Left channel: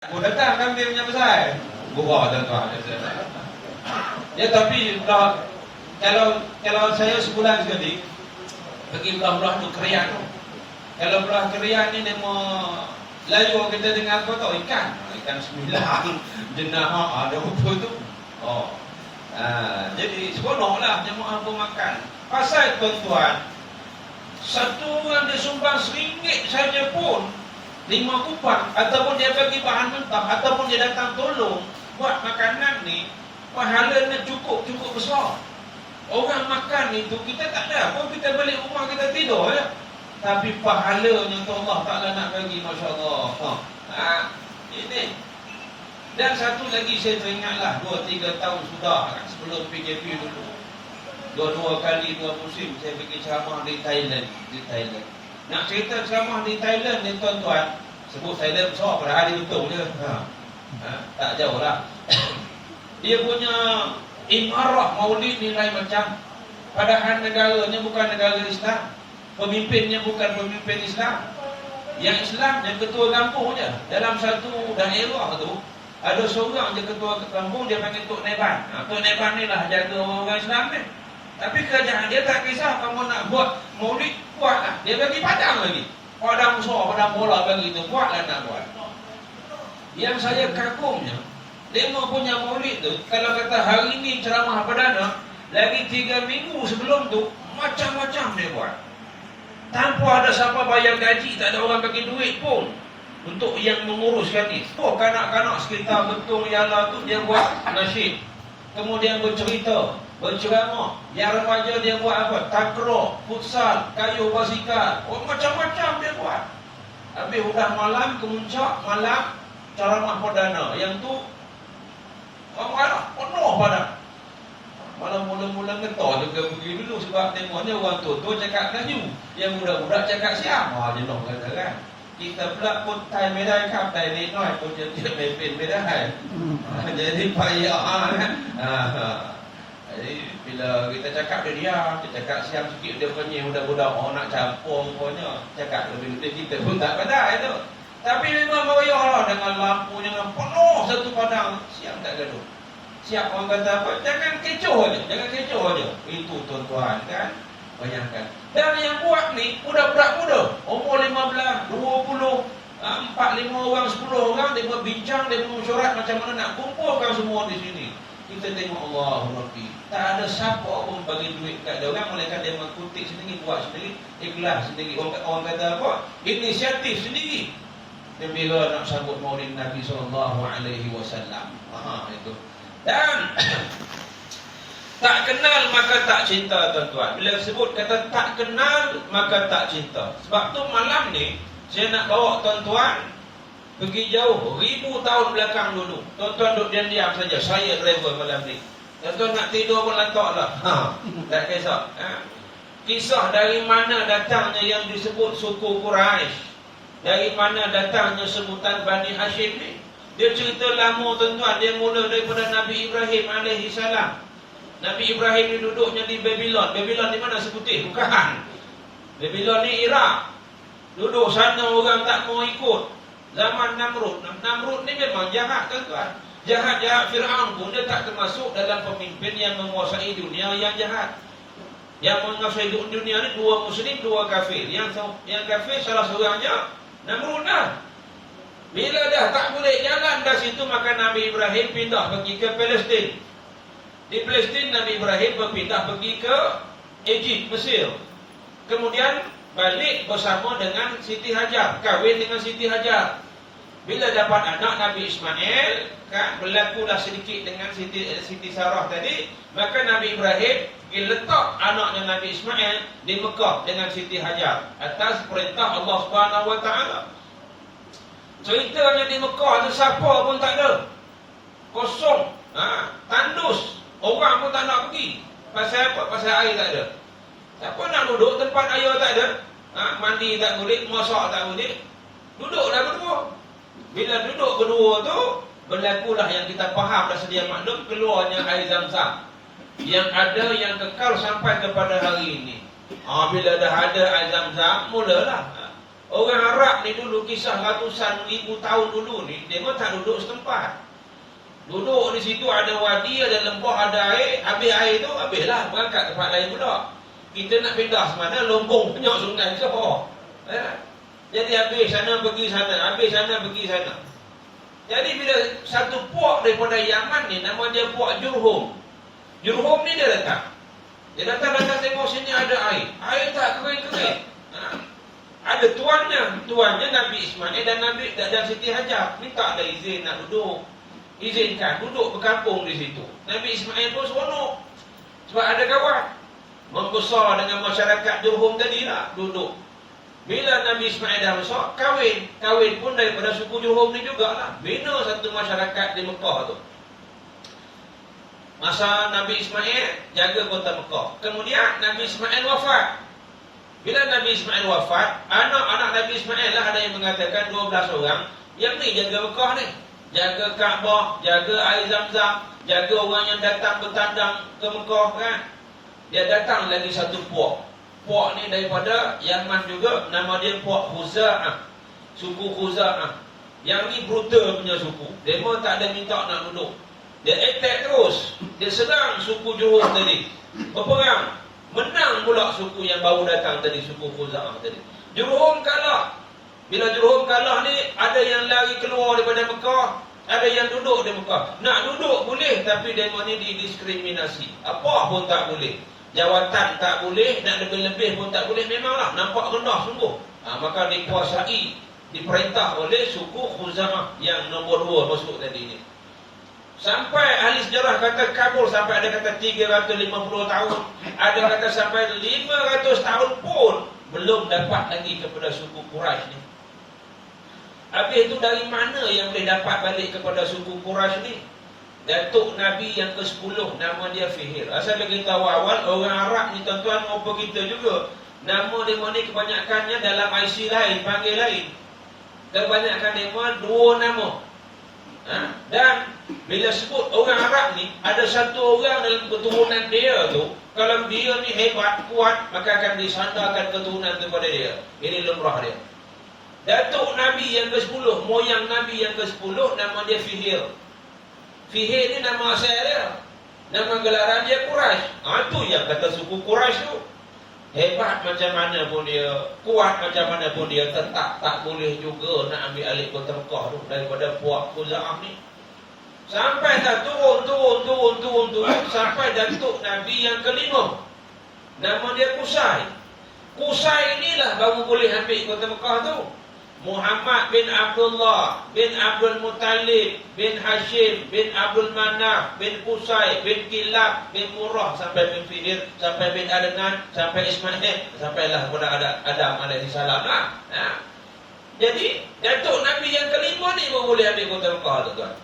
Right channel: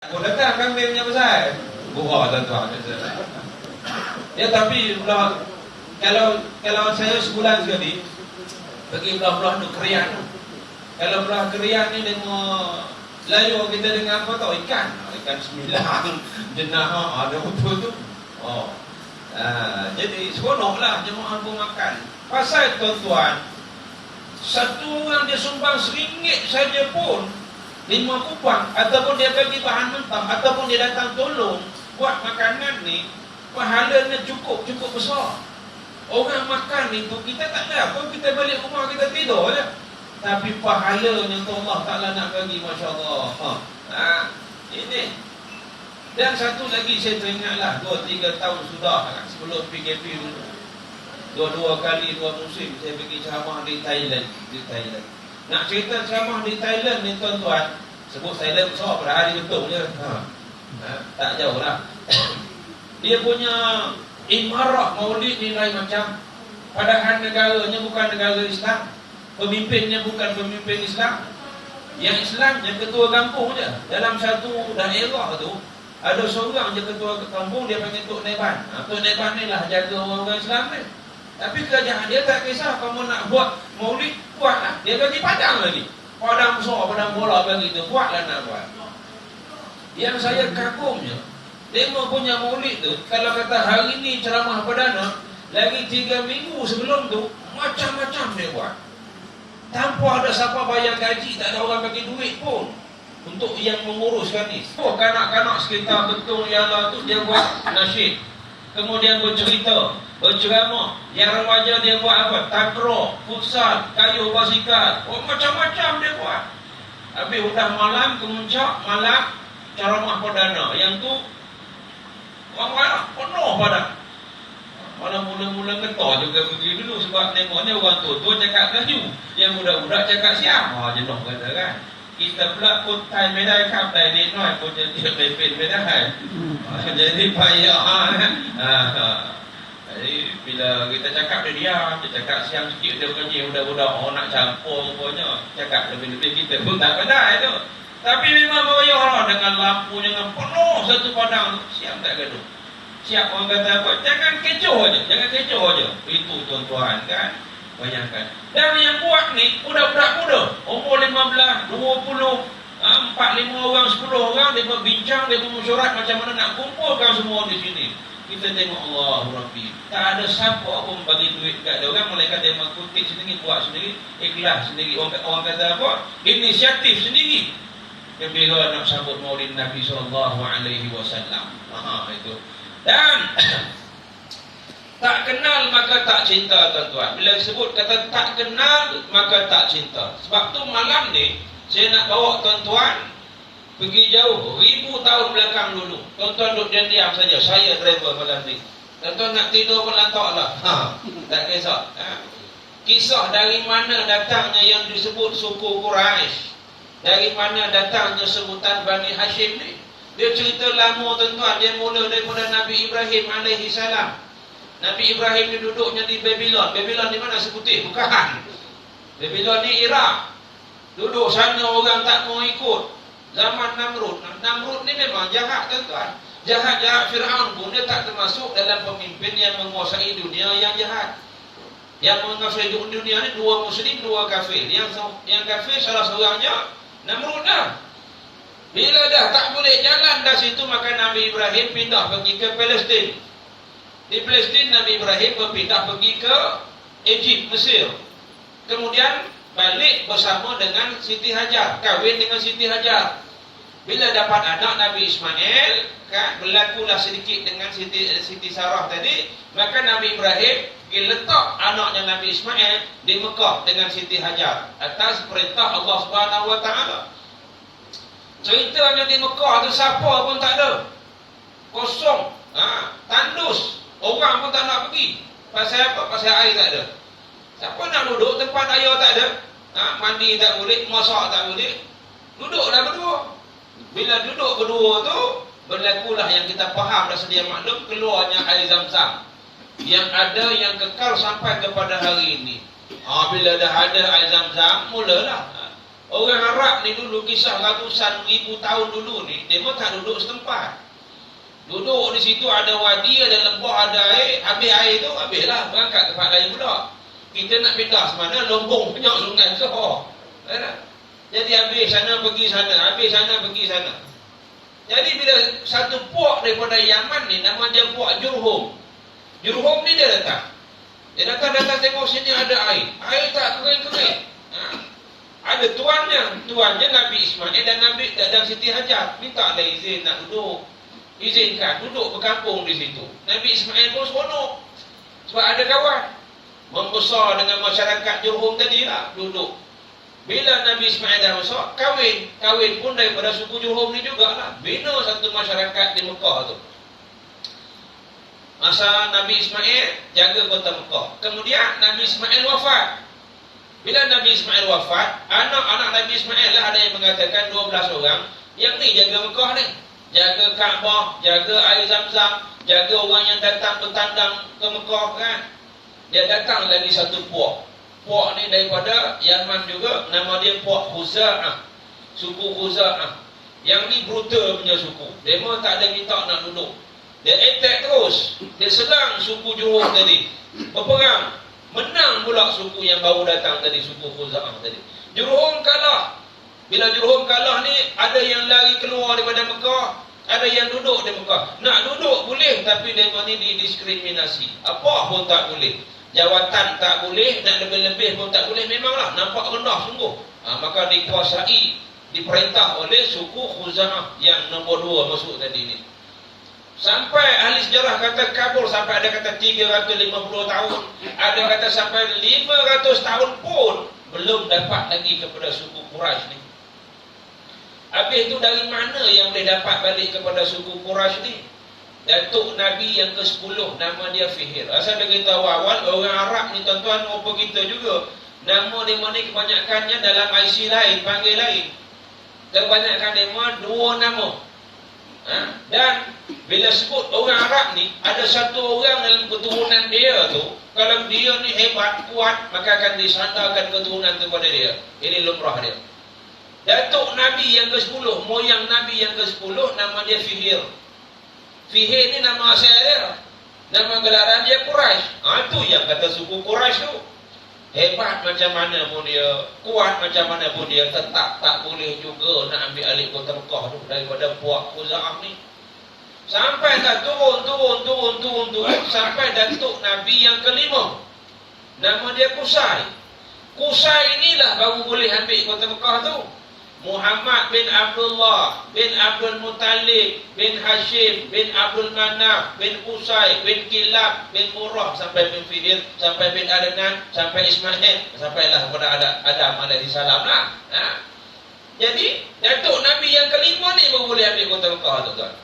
Aku datang kambingnya besar. Buah tuan-tuan. Ya tapi kalau saya sebulan sekali pergi belah-belah untuk kerian. Kalau belah kerian ni dia mau layu kita dengan apa tau, ikan sembilan jenah ada betul tu. Jadi seronoklah jemaah pun makan. Pasal tuan-tuan, satu orang dia sumbang RM1 saja pun 5 kupang, ataupun dia bagi bahan mentah, ataupun dia datang tolong buat makanan ni, pahalanya cukup besar. Orang makan itu kita tak ada apa, kita balik rumah kita tidur je, tapi pahalanya tu Allah Ta'ala nak bagi, Masya Allah. Ini. Dan satu lagi saya teringatlah 2-3 tahun sudah sebelum PKP dulu, 2 kali 2 musim saya pergi ceramah di Thailand. Nak cerita ceramah di Thailand ni tuan-tuan, sebut Thailand besar pada hari betul je, tak jauh lah. Dia punya imarah maulid ni lain macam. Padahal negaranya bukan negara Islam, pemimpinnya bukan pemimpin Islam. Yang Islam yang ketua kampung je. Dalam satu daerah tu ada seorang je ketua kampung, dia panggil Tok Neban. Tok Neban ni lah jaga orang-orang Islam ni. Tapi kerajaan dia tak kisah, kamu nak buat maulid, buatlah. Dia bagi padang lagi. Padang besar, padang bola bagi tu, buatlah nak buat. Yang saya kagumnya, dia punya maulid tu, kalau kata hari ni ceramah perdana, lagi 3 minggu sebelum tu, macam-macam dia buat. Tanpa ada siapa bayar gaji, tak ada orang bagi duit pun untuk yang menguruskan ni. Kanak-kanak sekitar betul ialah tu, dia buat nasyid. Kemudian bercerita, berceramah. Yang remaja dia buat apa? Takraw, futsal, kayu basikal. Macam-macam dia buat. Habis udah malam, kemuncak malam ceramah perdana. Yang tu orang marah, penuh padang. Malah mula-mula ketar juga pergi dulu, sebab tengoknya orang tua cakap Melayu, yang budak-budak cakap Siam. Jenuh kata kan. Kita pula pun Thaiไม่ได้ครับ Thai นิดหน่อย pun jadiไม่เป็น jadi payah kan. Jadi bila kita cakap dia diam, dia cakap Siam sikit, dia kenyih budak-budak. Nak campur pokoknya, cakap lebih-lebih kita pun tak pandai tu. Tapi memang meriah lah, dengan lampu, dengan penuh satu padang. Siam tak gaduh. Siap orang kata apa? Jangan kecoh aja, itu tuan-tuan kan. Bayangkan. Dan yang buat ni budak-budak muda, umur 15, 20, 4-5 orang, 10 orang, dia berbincang, dia mesyuarat macam mana nak kumpulkan semua di sini. Kita tengok Allah Rabbi, tak ada siapa pun bagi duit kat dia orang, melainkan dia mengkutip sendiri, buat sendiri, ikhlas sendiri. Orang kata apa? Inisiatif sendiri. Gembira nak sambut Maulid Nabi SAW. Itu. Dan tak kenal maka tak cinta tuan-tuan. Bila disebut kata tak kenal maka tak cinta. Sebab tu malam ni saya nak bawa tuan-tuan pergi jauh, 1000 tahun belakang dulu. Tuan-tuan duduk diam-diam saja. Saya driver malam ni. Tuan-tuan nak tidur pun lantak lah. Tak kisah. Kisah dari mana datangnya yang disebut suku Quraisy, dari mana datangnya sebutan Bani Hashim ni. Dia cerita lama tuan-tuan. Dia mula daripada Nabi Ibrahim alaihissalam. Nabi Ibrahim ni duduknya di Babylon. Babylon di mana seputih? Bukan. Babylon ni Iraq. Duduk sana orang tak mau ikut. Zaman Namrud. Namrud ni memang jahat tuan-tuan. Jahat-jahat Fir'aun pun dia tak termasuk dalam pemimpin yang menguasai dunia yang jahat. Yang menguasai dunia ni 2 Muslim, 2 kafir. Yang kafir salah seorangnya Namrud dah. Bila dah tak boleh jalan dah situ, maka Nabi Ibrahim pindah pergi ke Palestin. Di Palestin Nabi Ibrahim berpindah pergi ke Egypt, Mesir. Kemudian balik bersama dengan Siti Hajar, kahwin dengan Siti Hajar. Bila dapat anak Nabi Ismail, kan, berlakulah sedikit dengan Siti Sarah tadi, maka Nabi Ibrahim letak anaknya Nabi Ismail di Mekah dengan Siti Hajar atas perintah Allah Subhanahu Wa Taala. Ceritanya di Mekah tu siapa pun tak ada. Kosong, tandus. Orang pun tak nak pergi. Pasal apa? Pasal air tak ada. Siapa nak duduk tempat air tak ada? Mandi tak boleh, masak tak boleh. Duduklah berdua. Bila duduk berdua tu, berlakulah yang kita faham dah sedia maklum, keluarnya air Zam-Zam. Yang ada yang kekal sampai kepada hari ini. Bila dah ada air Zam-Zam, mulalah Orang Arab ni dulu, kisah ratusan ribu tahun dulu ni, dia memang tak duduk setempat. Duduk di situ, ada wadi, ada lembah, ada air. Habis air tu, habislah berangkat tempat lain pula. Kita nak pindah semana, lombong banyak sungai so. Jadi habis sana pergi sana, habis sana pergi sana. Jadi bila satu puak daripada Yaman ni, nama dia puak Jurhum. Jurhum ni dia datang. Dia datang tengok sini ada air. Air tak kering-kering. Ada tuannya Nabi Ismail dan Siti Hajar. Minta ada izin nak duduk. Izinkan duduk berkampung di situ. Nabi Ismail pun seronok. Sebab ada kawan. Membesar dengan masyarakat Jurhum tadi lah, duduk. Bila Nabi Ismail dah besar, kahwin pun daripada suku Jurhum ni jugalah. Bina satu masyarakat di Mekah tu. Masa Nabi Ismail jaga kota Mekah. Kemudian Nabi Ismail wafat. Bila Nabi Ismail wafat, anak-anak Nabi Ismail lah, ada yang mengatakan 12 orang. Yang ni jaga Mekah ni. Jaga Kaabah, jaga air Zam-Zam, jaga orang yang datang bertandang ke Mekah kan. Dia datang lagi satu puak. Puak ni daripada Yaman juga, nama dia puak Khuza'ah. Suku Khuza'ah. Yang ni brutal punya suku. Dia memang tak ada minta nak duduk. Dia attack terus. Dia serang suku Jurhum tadi. Berperang. Menang pula suku yang baru datang tadi, suku Khuza'ah tadi. Jurhum kalah. Bila Jurhum kalah ni, ada yang lari keluar daripada Mekah, ada yang duduk di Mekah. Nak duduk boleh, tapi mereka ni didiskriminasi. Apa pun tak boleh. Jawatan tak boleh, nak lebih-lebih pun tak boleh. Memanglah nampak rendah sungguh. Maka dikuasai, diperintah oleh suku Khuza'ah yang nombor 2 masuk tadi ni. Sampai ahli sejarah kata kabur, sampai ada kata 350 tahun, ada kata sampai 500 tahun pun belum dapat lagi kepada suku Quraisy ni. Habis itu dari mana yang boleh dapat balik kepada suku Quraisy ni? Datuk Nabi yang ke-10, nama dia Fihir. Asal dia tahu awal, orang Arab ni tuan-tuan rupa kita juga. Nama dia ni kebanyakannya dalam IC lain, panggil lain. Kebanyakan dia 2 nama. Dan bila sebut orang Arab ni, ada satu orang dalam keturunan dia tu, kalau dia ni hebat, kuat, maka akan disandarkan keturunan kepada dia. Ini lumrah dia. Datuk Nabi yang ke-10, moyang Nabi yang ke-10, nama dia Fihir. Fihir ni nama asal dia. Nama gelaran dia Quraisy. Itu yang kata suku Quraisy tu. Hebat macam mana pun dia, kuat macam mana pun dia, tetap tak boleh juga nak ambil alih kota Mekah tu daripada puak Khuza'ah ni. Sampai dah turun sampai Datuk Nabi yang ke-5. Nama dia Qusay. Qusay inilah baru boleh ambil kota Mekah tu. Muhammad bin Abdullah bin Abdul Muttalib bin Hashim bin Abdul Manaf bin Qusay bin Kilab bin Murrah sampai bin Fihir sampai bin Adnan sampai Ismail sampailah kepada Adam alaihi salam lah. Jadi Datuk Nabi yang ke-5 ni baru boleh ambil kota Mekah tu tuan.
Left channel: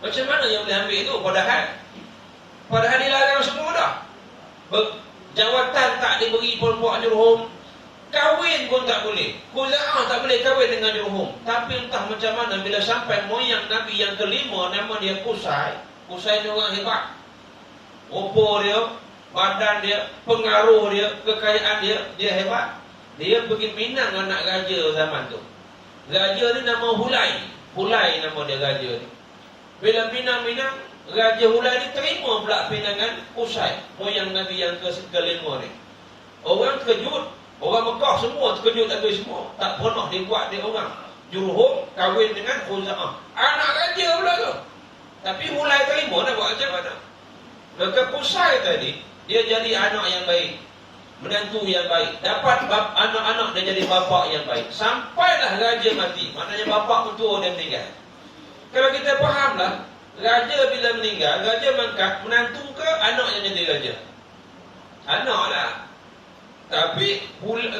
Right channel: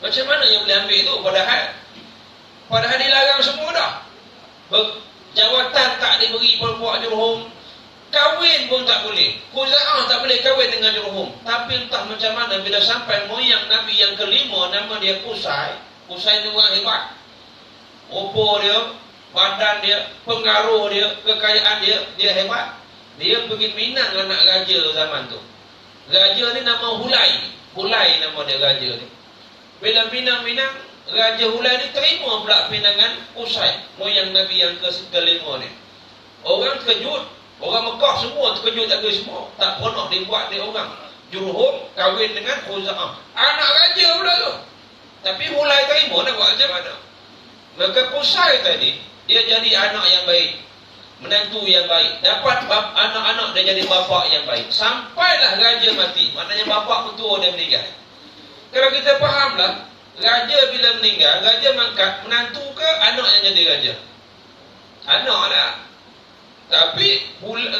Macam mana yang boleh ambil tu padahal dilarang semua dah. Jawatan tak diberi puak Jurhum. Kahwin pun tak boleh. Khuza'ah tak boleh kahwin dengan Jurhum. Tapi entah macam mana bila sampai moyang Nabi yang ke-5, nama dia Qusay. Qusay ni orang hebat. Rupa dia, badan dia, pengaruh dia, kekayaan dia hebat. Dia pergi minang anak raja zaman tu. Raja ni nama Hulai. Hulai nama dia raja ni. Bila minang-minang, Raja Hulai ni terima pula pinangan Qusay, moyang Nabi yang ke-5 ni. Orang terkejut. Orang Mekah semua terkejut habis semua. Tak pernah dibuat dia orang. Jurhum kahwin dengan Khuza'ah. Anak raja pula tu. Tapi Hulai terima nak buat macam mana. Maka Qusay tadi, dia jadi anak yang baik. Menantu yang baik. Dapat anak-anak dia jadi bapa yang baik. Sampailah raja mati. Maknanya bapa mentua dia meninggal. Kalau kita fahamlah, raja bila meninggal, raja mengangkat menantu ke anak yang jadi raja? Anak lah. Tapi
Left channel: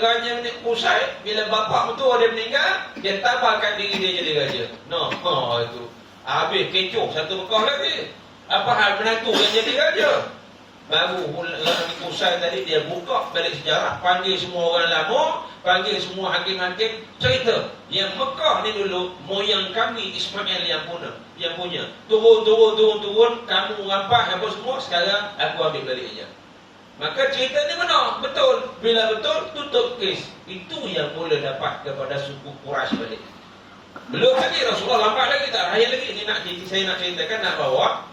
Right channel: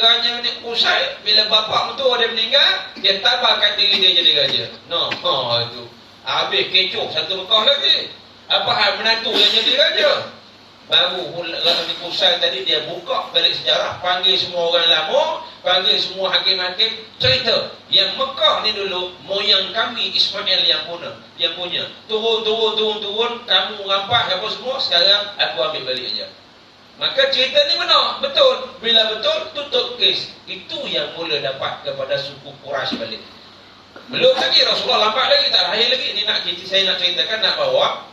raja ni Qusay, bila bapa mentua dia meninggal, dia tabarkan diri dia jadi raja. Itu. Habis kecoh satu Mekah lagi. Apa hal menantu yang jadi raja? Baru Qusay tadi dia buka balik sejarah, panggil semua orang lama, panggil semua hakim-hakim, cerita yang Mekah ni dulu moyang kami Ismail yang punya. Turun, kamu rampas apa semua, sekarang aku ambil balik aja. Maka cerita ni benar, betul. Bila betul, tutup kes. Itu yang mula dapat kepada suku Quraisy balik. Belum lagi Rasulullah lambat lagi, tak raya lagi. Ini saya nak ceritakan, nak bawa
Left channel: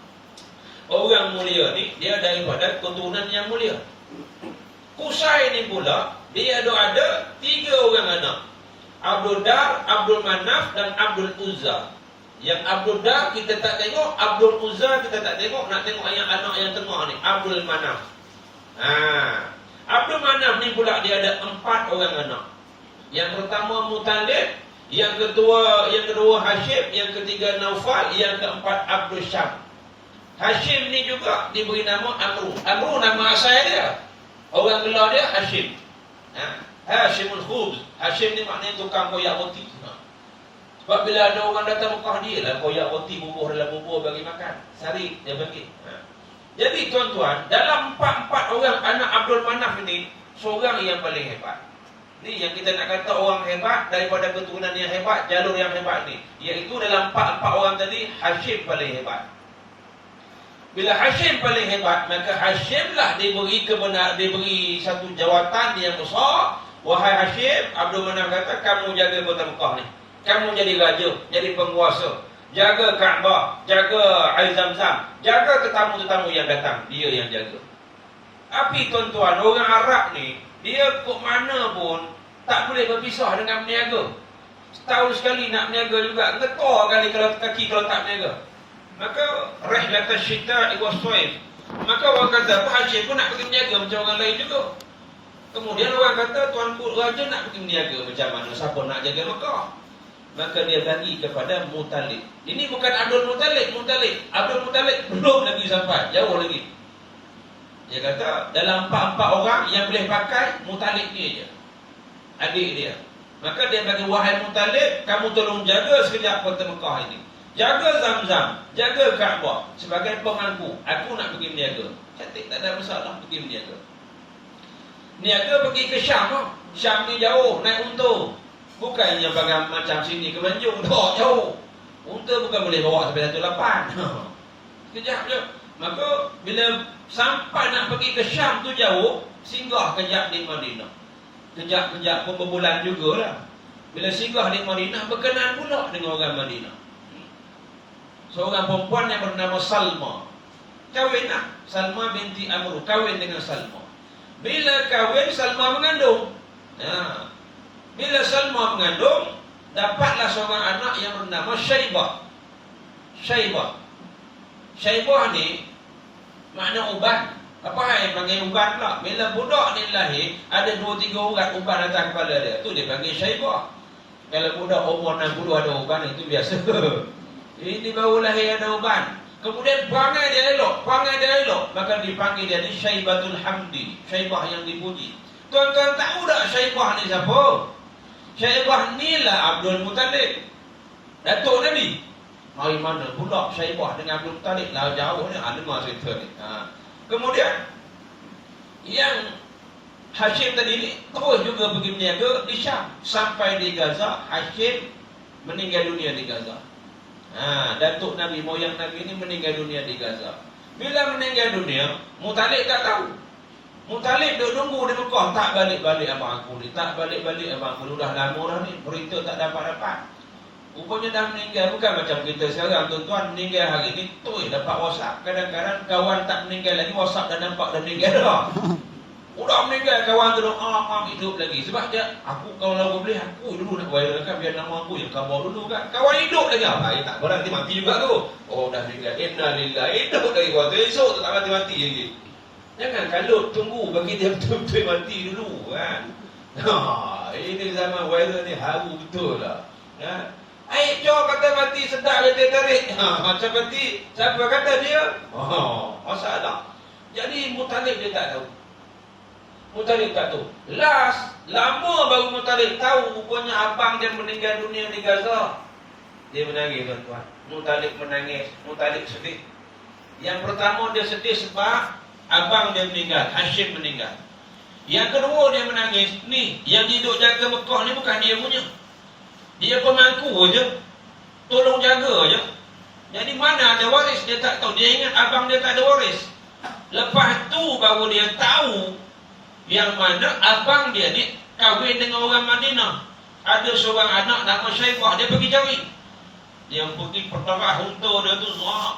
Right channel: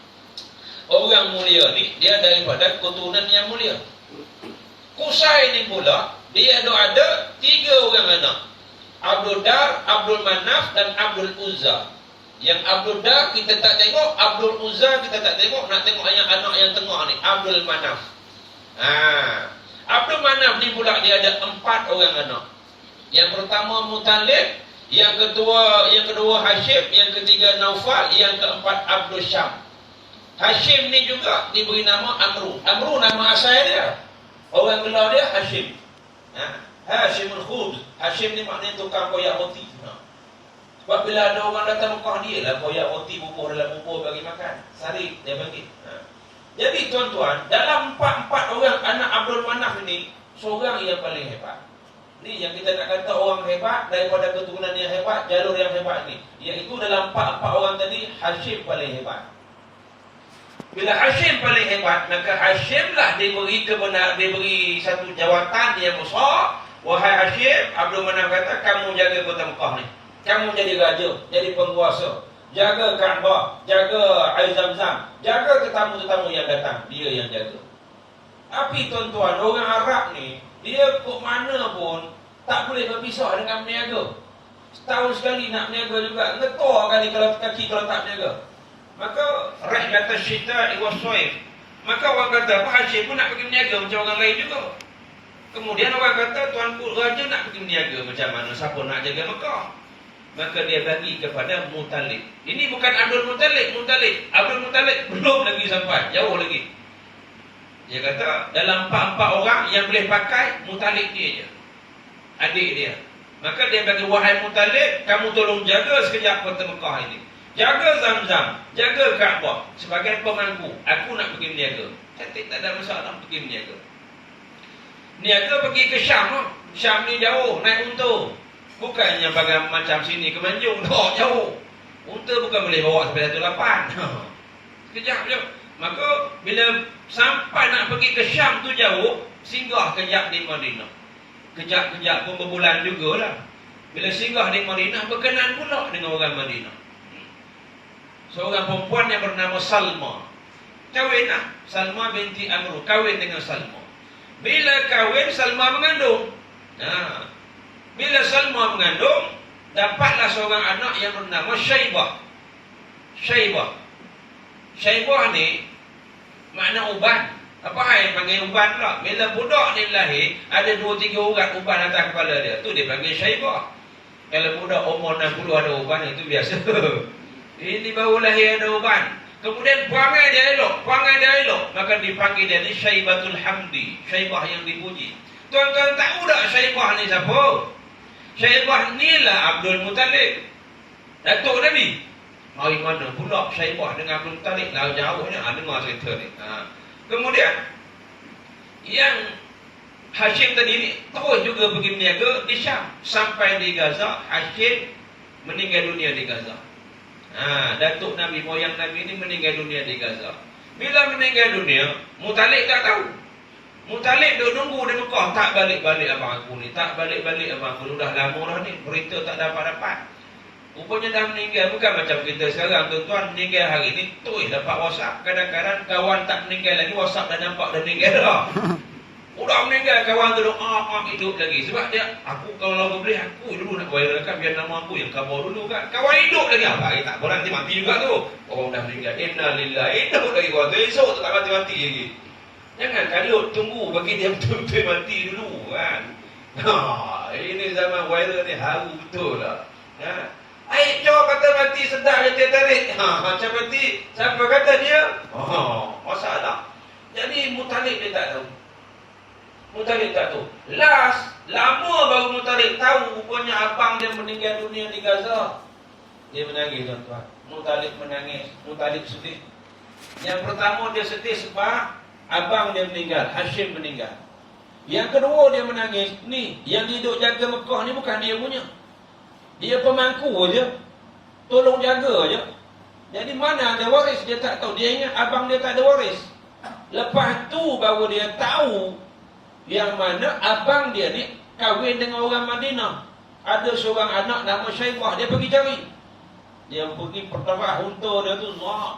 orang mulia ni, dia daripada keturunan yang mulia. Qusay ni pula, dia ada 3 orang anak. Abdul Dar, Abdul Manaf dan Abdul Uzza. Yang Abdul Dar kita tak tengok, Abdul Uzza kita tak tengok. Nak tengok yang anak yang tengah ni, Abdul Manaf. Abdul Manaf ni pula dia ada 4 orang anak. Yang pertama Muttalib, yang kedua Hashim, yang ketiga Naufal, yang keempat Abdul Syam. Hashim ni juga diberi nama Amru. Amru nama asal dia. Orang gelar dia Hashim. Hashimul Khubz. Hashim ni maknanya tukang koyak roti. Sebab bila ada orang datang Mekah, dia lah koyak roti, bubuh dalam bubur bagi makan. Sari dia bagi. Jadi tuan-tuan, dalam 4 orang anak Abdul Manaf ini, seorang yang paling hebat. Ni yang kita nak kata orang hebat daripada keturunan yang hebat, jalur yang hebat ni. Iaitu dalam 4 orang tadi, Hashim paling hebat. Bila Hashim paling hebat, maka Hashim lah diberi satu jawatan yang besar. Wahai Hashim, Abdul Manaf kata, kamu jaga kota Mekah ni. Kamu jadi raja, jadi penguasa. Jaga Kaabah, jaga air Zam-Zam, jaga tetamu-tetamu yang datang. Dia yang jaga. Tapi tuan-tuan, orang Arab ni, dia kok mana pun tak boleh berpisah dengan berniaga. Setahun sekali nak berniaga juga. Getar kali kalau kaki kalau tak berniaga. Maka rihlat asyita wa shaif. Maka orang kata, Pak Hashim pun nak pergi berniaga macam orang lain juga. Kemudian orang kata, tuanku raja nak pergi berniaga macam mana? Siapa nak jaga Mekah? Maka dia bagi kepada Muttalib. Ini bukan Abdul Muttalib. Abdul Muttalib belum lagi sampai, jauh lagi. Dia kata dalam 4 orang yang boleh pakai, Muttalib ni je, adik dia. Maka dia bagi, wahai Muttalib, kamu tolong jaga sekejap kota Mekah ini. Jaga Zam-Zam, jaga Kaabah sebagai pemangku. Aku nak pergi berniaga. Cantik, tak ada masalah, pergi berniaga. Niaga pergi ke Syam. Syam ni jauh, naik unta. Bukannya bagai macam sini ke Manjung, tak jauh. Unta bukan boleh bawa sampai 1.8. Sekejap je. Maka bila sampai nak pergi ke Syam tu jauh, singgah kejap di Madinah. Kejap-kejap pun berbulan jugalah. Bila singgah di Madinah, berkenan pula dengan orang Madinah. Seorang perempuan yang bernama Salma. Kahwin lah. Salma binti Amr. Kahwin dengan Salma. Bila kahwin, Salma mengandung. Bila Salma mengandung, dapatlah seorang anak yang bernama Syaibah. Syaibah ni makna uban. Apa yang panggil uban pula? Bila budak ni lahir, ada 2-3 urat uban atas kepala dia. Tu dia panggil Syaibah. Kalau budak umur 60 ada uban, itu biasa. Ini baru lahir ada uban. Kemudian perangai dia elok, maka dipanggil dia ni Syaibatul Hamdi. Syaibah yang dipuji. Tuan-tuan tahu tak Syaibah ni siapa? Syaibah ni lah Abdul Muttalib, datuk Nabi. Mari mana pula Syaibah dengan Abdul Muttalib? Lah jauh ni, dengar cerita ni. Kemudian yang Hashim tadi ni terus juga pergi berniaga di Syam. Sampai di Gaza, Hashim meninggal dunia di Gaza. Datuk Nabi, moyang Nabi ni meninggal dunia di Gaza. Bila meninggal dunia, Muttalib tak tahu. Muttalib duk nunggu di Mekah, tak balik-balik abang aku ni, dah lama dah ni, berita tak dapat-dapat. Rupanya dah meninggal. Bukan macam kita sekarang, tuan-tuan, meninggal hari ni terus dapat WhatsApp. Kadang-kadang kawan tak meninggal lagi, WhatsApp dah nampak dah meninggal dah. Udah meninggal, kawan tu hidup lagi. Sebab dia, aku kalau lagu boleh, aku dulu nak viralkan biar nama aku yang kabar dulu kan. Kawan hidup lagi, tak apa, nanti mati juga tu. Oh dah meninggal, innalillahi, hidup lagi kawan tu, esok tu tak mati-mati lagi. Jangan kalut, tunggu bagi dia betul-betul mati dulu kan. Ini zaman viral ni haru betul lah. Aib Joe kata mati sedap je dia tarik. Macam mati, siapa kata dia? Masalah. Jadi Muttalib dia tak tahu. Lama baru Muttalib tahu rupanya abang dia meninggal dunia di Gaza. Dia menangis tuan-tuan. Muttalib menangis, Muttalib sedih. Yang pertama dia sedih sebab abang dia meninggal, Hashim meninggal. Yang kedua dia menangis, ni yang hidup jaga Mekah ni bukan dia punya. Dia pemangku aja, tolong jaga aja. Jadi mana ada waris dia tak tahu. Dia ingat abang dia tak ada waris. Lepas tu baru dia tahu yang mana abang dia ni kahwin dengan orang Madinah. Ada seorang anak nama Syaibah, dia pergi cari. Dia pergi pertengah unta dia tu,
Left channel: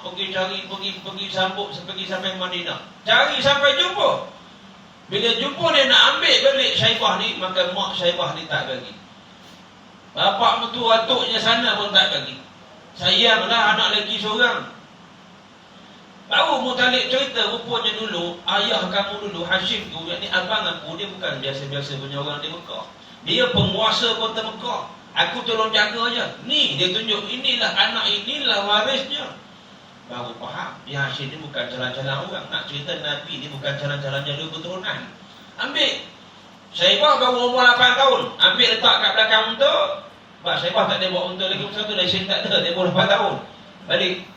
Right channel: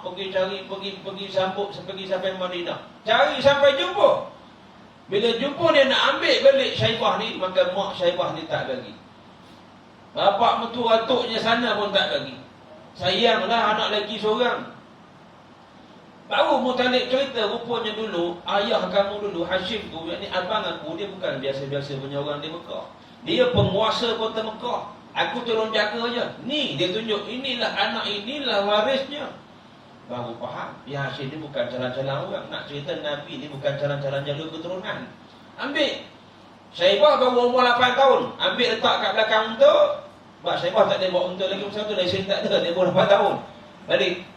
pergi cari, pergi sambut, pergi sampai Madinah. Cari sampai jumpa. Bila jumpa dia nak ambil balik Syaibah ni, maka mak Syaibah ni tak bagi. Bapak mertua atuknya sana pun tak bagi. Sayanglah anak lelaki seorang. Baru Muttalib cerita, rupanya dulu ayah kamu dulu, Hashim tu, yakni abang aku, dia bukan biasa-biasa punya orang di Mekah. Dia penguasa kota Mekah. Aku tolong jaga aja. Ni dia tunjuk, inilah anak, inilah warisnya. Baru faham, ya Hashim ni bukan jalan-jalan orang. Nak cerita Nabi ni bukan jalan-jalan jalur keturunan. Ambil Syaibah baru umur 8 tahun, ambil letak kat belakang unta. Sebab Syaibah tak ada bawa unta lagi satu, lesen tak ada, dia umur 8 tahun. Balik.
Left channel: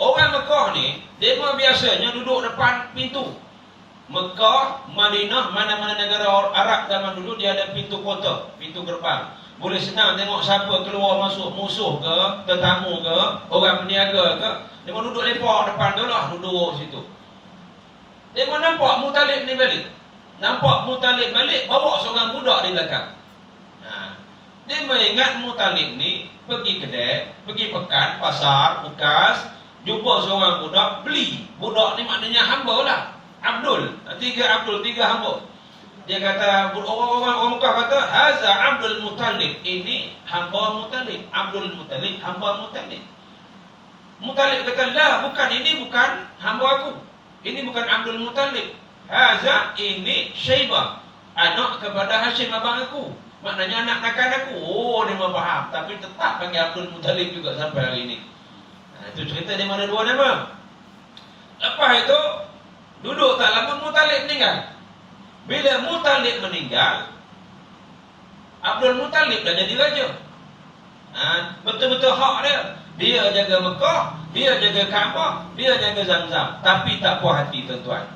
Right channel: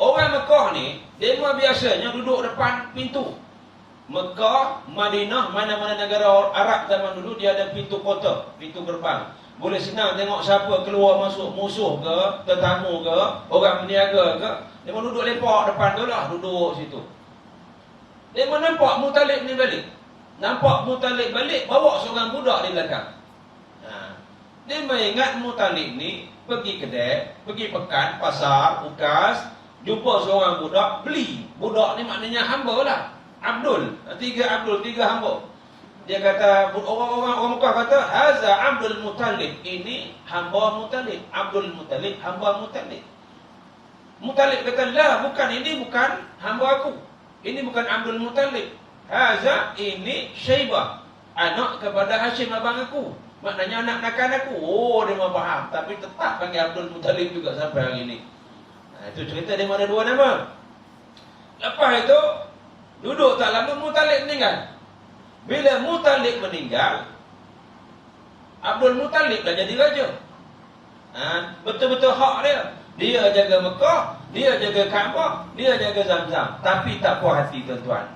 Orang Mekah ni, dia biasanya duduk depan pintu. Mekah, Madinah, mana-mana negara Arab zaman dulu, dia ada pintu kota, pintu gerbang. Boleh senang tengok siapa keluar masuk, musuh ke, tetamu ke, orang berniaga ke. Dia duduk lepak depan tu lah, duduk situ. Dia nampak Muttalib ni balik. Nampak Muttalib balik, bawa seorang budak di belakang. Dia mengingat Muttalib ni pergi kedai, pergi pekan, pasar, ukas, jumpa seorang budak, beli. Budak ni maknanya hamba lah. Abdul, tiga hamba. Dia kata, orang Mekah kata, Haza Abdul Muttalib. Ini hamba Muttalib. Abdul Muttalib, hamba Muttalib. Muttalib kata, lah, bukan, ini bukan hamba aku. Ini bukan Abdul Muttalib. Haza, ini Syaibah, anak kepada Hashim abang aku. Maknanya anak nakan aku. Dia memang faham. Tapi tetap panggil Abdul Muttalib juga sampai hari ini. Itu cerita dia ada dua nama. Lepas itu, duduk tak lama Muttalib meninggal. Bila Muttalib meninggal, Abdul Muttalib dah jadi raja. Betul-betul hak dia. Dia jaga Mekah, dia jaga Kaabah, dia jaga Zamzam. Tapi tak puas hati tuan-tuan.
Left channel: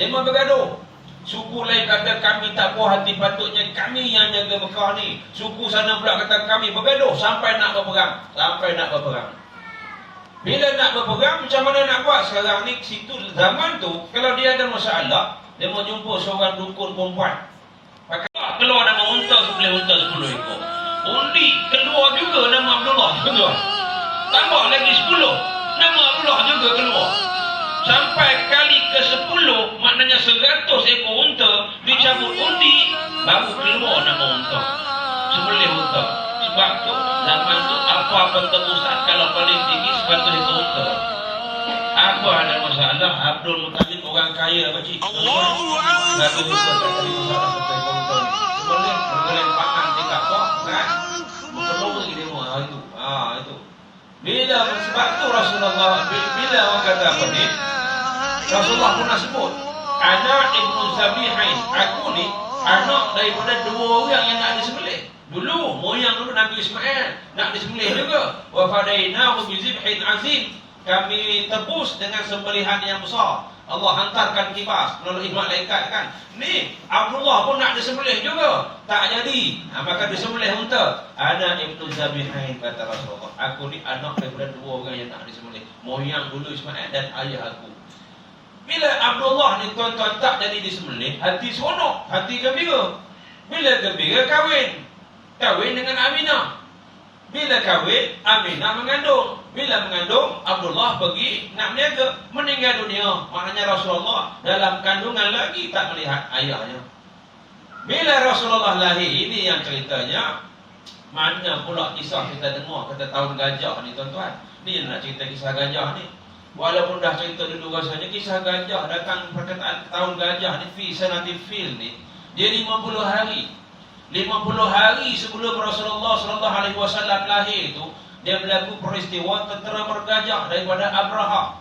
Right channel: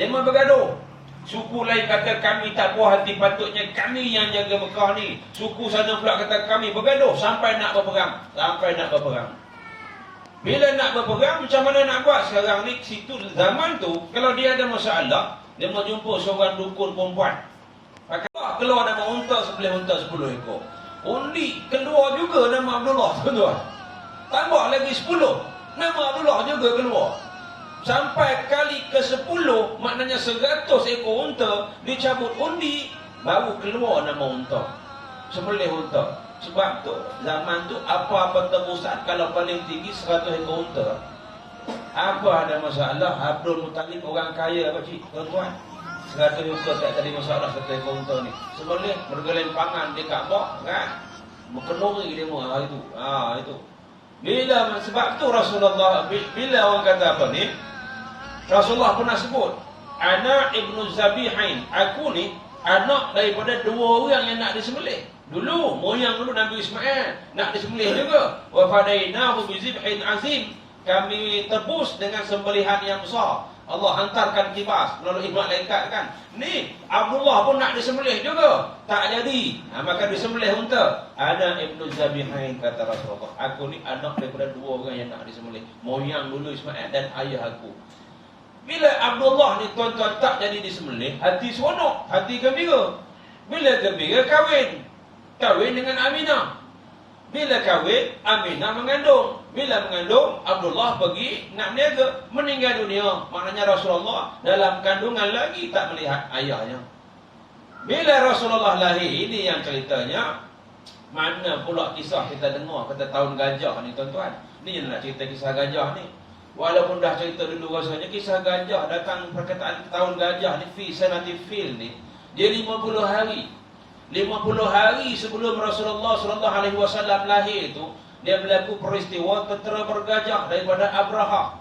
Dia memang bergaduh. Suku lain kata kami tak puas hati, patutnya kami yang jaga Mekah ni. Suku sana pula kata kami, bergaduh sampai nak berperang. Bila nak berperang, macam mana nak buat? Sekarang ni, situ zaman tu, kalau dia ada masalah, dia mau jumpa seorang dukun perempuan. Keluar nama unta, sebelah unta 10 ekor. Undi keluar juga nama Abdullah, tuan-tuan. Tambah lagi 10, nama Abdullah juga keluar. Sampai kali ke-10, maknanya 100 ekor unta dicabut undi, baru keluar nama unta, sembelih unta. Sebab tu, zaman tu apa-apa tebusan kalau paling tinggi 100 ekor unta. Apa ada masalah? Abdul Muttalib orang kaya apa cik? Tuan-tuan, 100 ekor tak ada masalah 100 ekor unta ni. Sembelih, bergeleng pangan dekat kok, kan? Berkelori dia semua, itu. Bila, sebab tu Rasulullah, bila orang kata apa ni, Rasulullah pernah sebut, anak Ibnu Zabihain, aku ni anak daripada dua orang yang nak disembelih. Dulu, moyang dulu Nabi Ismail nak disembelih juga. Wa fadainahu bi zibhin azim. Kami tebus dengan sembelihan yang besar. Allah hantarkan kibas melalui malaikat kan. Ni Abdullah pun nak disembelih juga, tak jadi. Maka disembelih unta. Anak Ibnu Zabihain, kata Rasulullah, aku ni anak daripada dua orang yang nak disembelih. Moyang dulu Ismail dan ayah aku. Bila Abdullah ni tuan-tuan tak jadi disembelih, hati seronok, hati gembira. Bila gembira, kahwin dengan Aminah. Bila kahwin, Aminah mengandung. Bila mengandung, Abdullah pergi nak berniaga, meninggal dunia. Maknanya Rasulullah dalam kandungan lagi tak melihat ayahnya. Bila Rasulullah lahir, ini yang ceritanya. Mana pula kisah kita dengar, kata tahun gajah ni tuan-tuan. Ni yang nak cerita kisah gajah ni. Walaupun dah cerita dulu rasanya, kisah gajah datang, perkataan tahun gajah ni, fi sanati fil ni, dia 50 hari. 50 hari sebelum Rasulullah SAW lahir itu, dia berlaku peristiwa tentera bergajah daripada Abraha.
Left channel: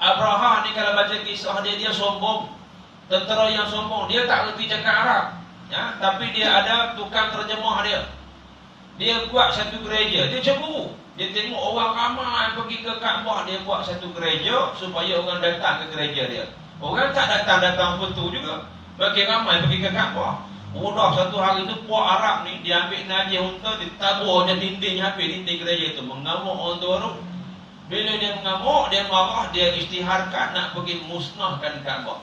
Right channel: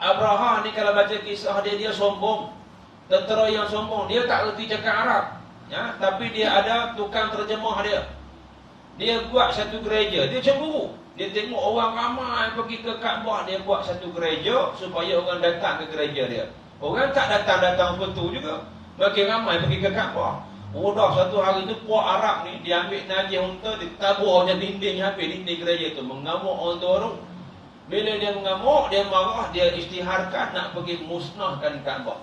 Abraha ni kalau baca kisah dia sombong. Tentera yang sombong, dia tak reti cakap Arab, ya, tapi dia ada tukang terjemah dia. Dia buat satu gereja, dia cemburu. Dia tengok orang ramai pergi ke Kaabah, dia buat satu gereja supaya orang datang ke gereja dia. Orang tak datang betul juga, makin ramai pergi ke Kaabah. Dah satu hari tu puak Arab ni, dia ambil najis unta, ditaburnya dinding habis, dinding gereja tu, mengamuk orang tu baru. Bila dia mengamuk, dia marah, dia isytiharkan nak pergi musnahkan Kaabah.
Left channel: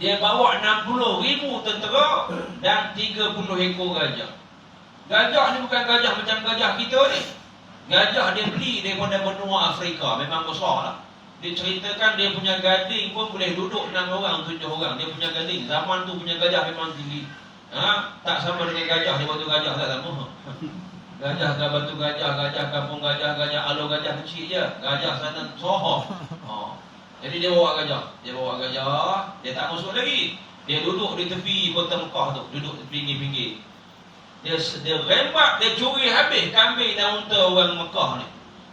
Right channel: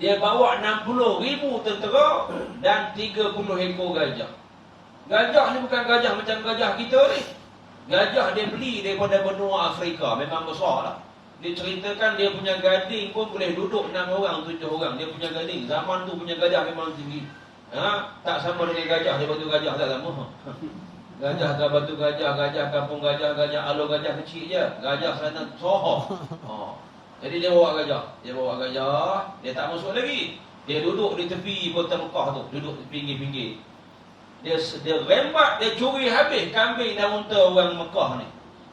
Dia bawa 60,000 tentera dan 30 ekor gajah. Gajah ni bukan gajah macam gajah kita ni. Gajah dia beli daripada benua Afrika, memang besar lah. Dia ceritakan dia punya gading pun boleh duduk 6 orang, 7 orang. Dia punya gading, zaman tu punya gajah memang tinggi. Tak sama dengan gajah di batu gajah, tak sama. Gajah ke batu gajah, gajah kampung gajah, gajah alo gajah kecil je. Gajah sana soho. Jadi dia bawa gajah. Dia tak masuk lagi. Dia duduk di tepi kota Mekah tu, duduk di pinggir-pinggir. Dia rembat, dia curi habis kambing dan unta orang Mekah ni.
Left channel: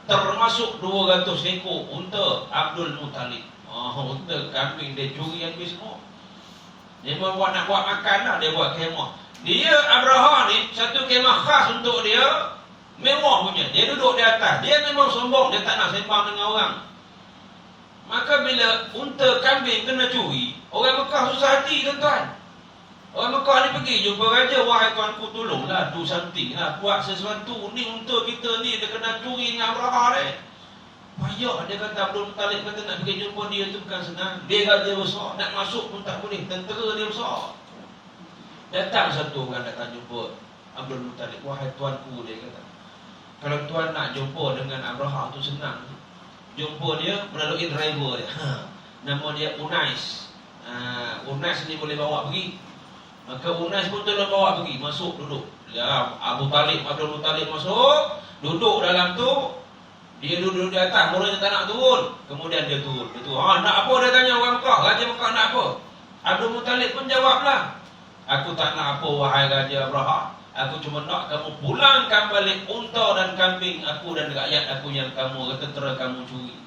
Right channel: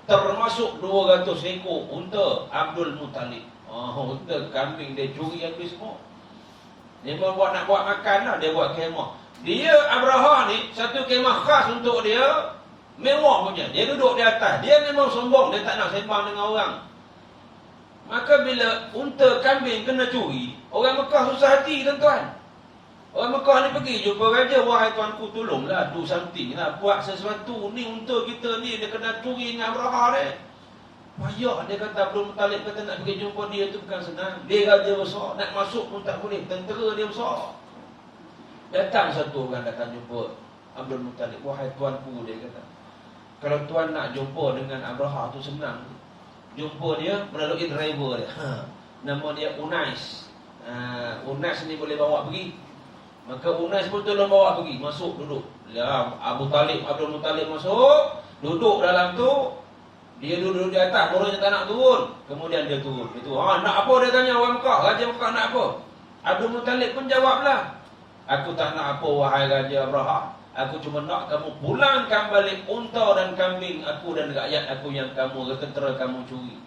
Termasuk 200 ekor unta Abdul Muttalib. Unta kambing dia curi habis semua. Dia nak buat makan lah, dia buat kemah. Dia Abraha ni satu kemah khas untuk dia, mewah punya. Dia duduk di atas. Dia memang sombong, dia tak nak sembang dengan orang. Maka bila unta kambing kena curi, orang Mekah susah hati tuan-tuan. Orang Mekah ni pergi jumpa raja, wahai tuanku tolonglah, do something lah, buat sesuatu. Ni unta kita ni dia kena curi dengan Abraha ni. Payah, dia kata Abdul Muttalib kata nak pergi jumpa dia tu bukan senang. Dia raja besar, nak masuk pun tak boleh, tentera dia besar. Datang satu orang datang jumpa Abdul Muttalib, wahai tuanku, dia kata, kalau tuan nak jumpa dengan Abraha tu senang. Jumpa dia melalui driver dia. Nama dia Unais. Unais ni boleh bawa pergi. Maka Unais pun tolong bawa pergi. Masuk duduk. Ya, Abdul Muttalib masuk, duduk dalam tu. Dia duduk di atas, muridnya tak nak turun. Kemudian dia turun. Nak apa, dia tanya orang Mekah. Raja Mekah nak apa? Abdul Muttalib pun jawablah, aku tak nak apa wahai Raja Abraha. Aku cuma nak kamu pulangkan balik unta dan kambing aku dan rakyat aku yang kamu, tentera kamu curi.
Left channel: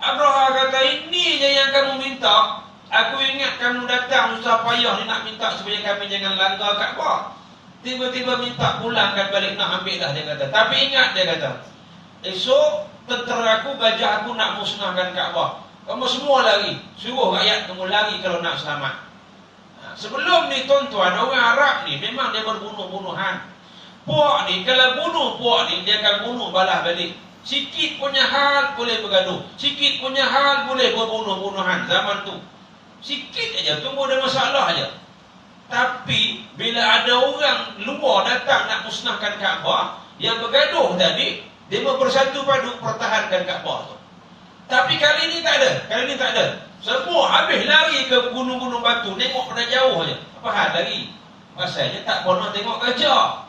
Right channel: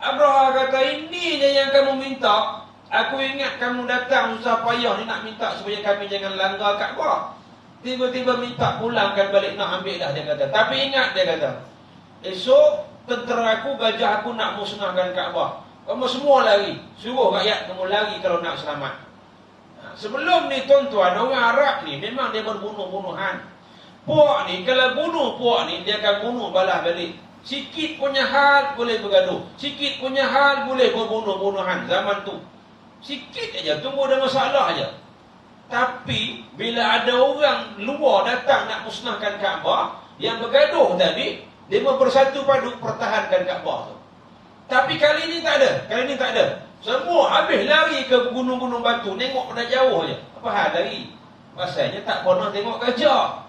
Abraha kata, ini je yang kamu minta. Aku ingat kamu datang susah payah ni nak minta supaya kami jangan langgar Kaabah. Tiba-tiba minta pulangkan balik, nak ambil dah, dia kata. Tapi ingat, dia kata, esok tentera aku, gajah aku nak musnahkan Kaabah. Kamu semua lari. Suruh rakyat kamu lari kalau nak selamat. Sebelum ni tuan-tuan, orang Arab ni memang dia berbunuh-bunuhan. Puak ni, kalau bunuh puak ni, dia akan bunuh balas balik. Sikit punya hal boleh bergaduh, sikit punya hal boleh berbunuh-bunuhan zaman tu. Sikit aja, tunggu ada masalah aja. Tapi bila ada orang luar datang nak musnahkan Kaabah, yang bergaduh tadi, dia bersatu padu pertahankan Kaabah tu. Tapi kali ni tak ada. Semua habis lari ke gunung-gunung batu, tengok pada jauh je. Apa hal lari? Pasalnya tak pernah tengok gajah.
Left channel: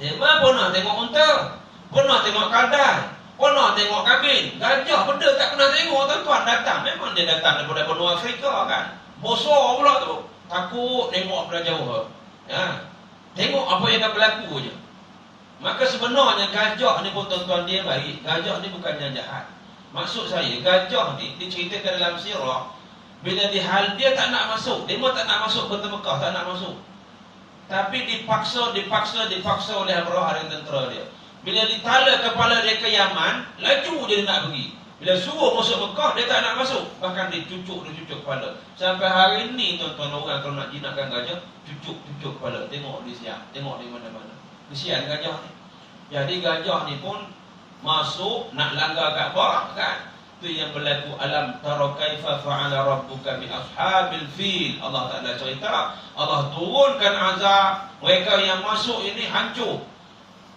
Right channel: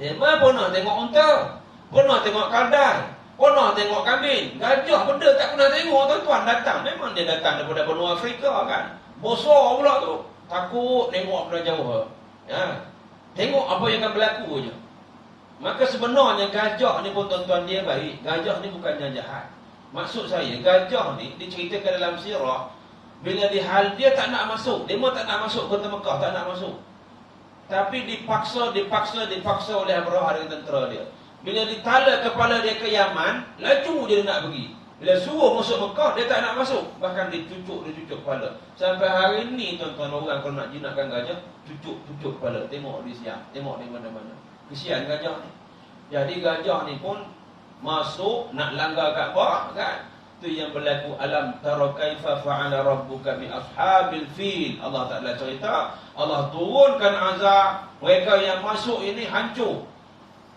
Dia pernah tengok unta, pernah tengok kadal, pernah tengok kambing. Gajah benda tak pernah tengok tuan-tuan. Datang, memang dia datang daripada benua Afrika kan. Bosor pula tu. Takut tengok pada jauh. Tengok apa yang akan berlaku je. Maka sebenarnya gajah ni pun tuan-tuan dia baik. Gajah ni bukannya jahat. Maksud saya, gajah ni diceritakan dalam sirah, bila dia tak nak masuk, dia pun tak nak masuk kota Mekah, tak nak masuk. Tapi dipaksa oleh Abraha dengan tentera dia. Bila ditala kepala dia ke Yaman, laju dia nak pergi. Bila suruh masuk Mekah, dia tak nak masuk. Bahkan dicucuk kepala. Sampai hari ni tuan-tuan, orang kalau nak jinakkan gajah, cucuk kepala. Tengok di siang, tengok di mana-mana. Kesian gajah ni. Jadi gajah ni pun masuk nak langgar Kaabah kan. Itu yang berlaku. Alam tara kaifa fa'ala rabbuka bi ashabil fil. Allah Taala cerita, Allah turunkan azab, mereka yang masuk ini hancur.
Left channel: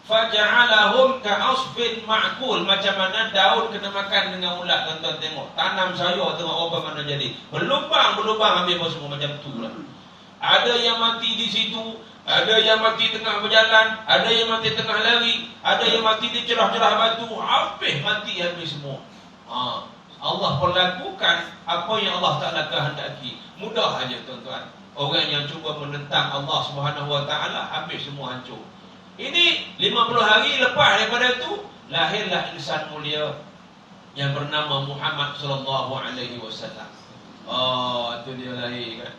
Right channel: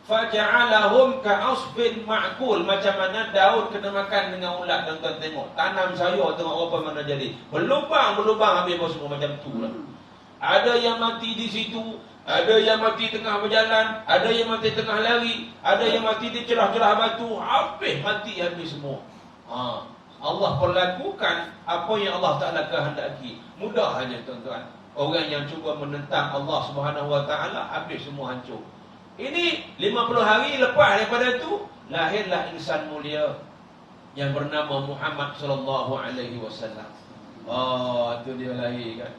Faja'alahum ka'asfin ma'kul. Macam mana Daud kena makan dengan ulat. Tuan-tuan tengok, tanam sayur tengok apa mana jadi. Berlubang habis apa semua macam tu lah. Ada yang mati di situ, ada yang mati tengah berjalan, ada yang mati tengah lari, ada yang mati di cerah-cerah batu, habis semua. Allah perlakukan apa yang Allah Ta'ala kehendaki. Mudah aja tuan-tuan. Orang yang cuba menentang Allah Subhanahu Wa Ta'ala, habis semua hancur. Ini 50 hari lepas daripada itu, lahirlah insan mulia yang bernama Muhammad sallallahu alaihi wasallam. Itu dia lahir kan.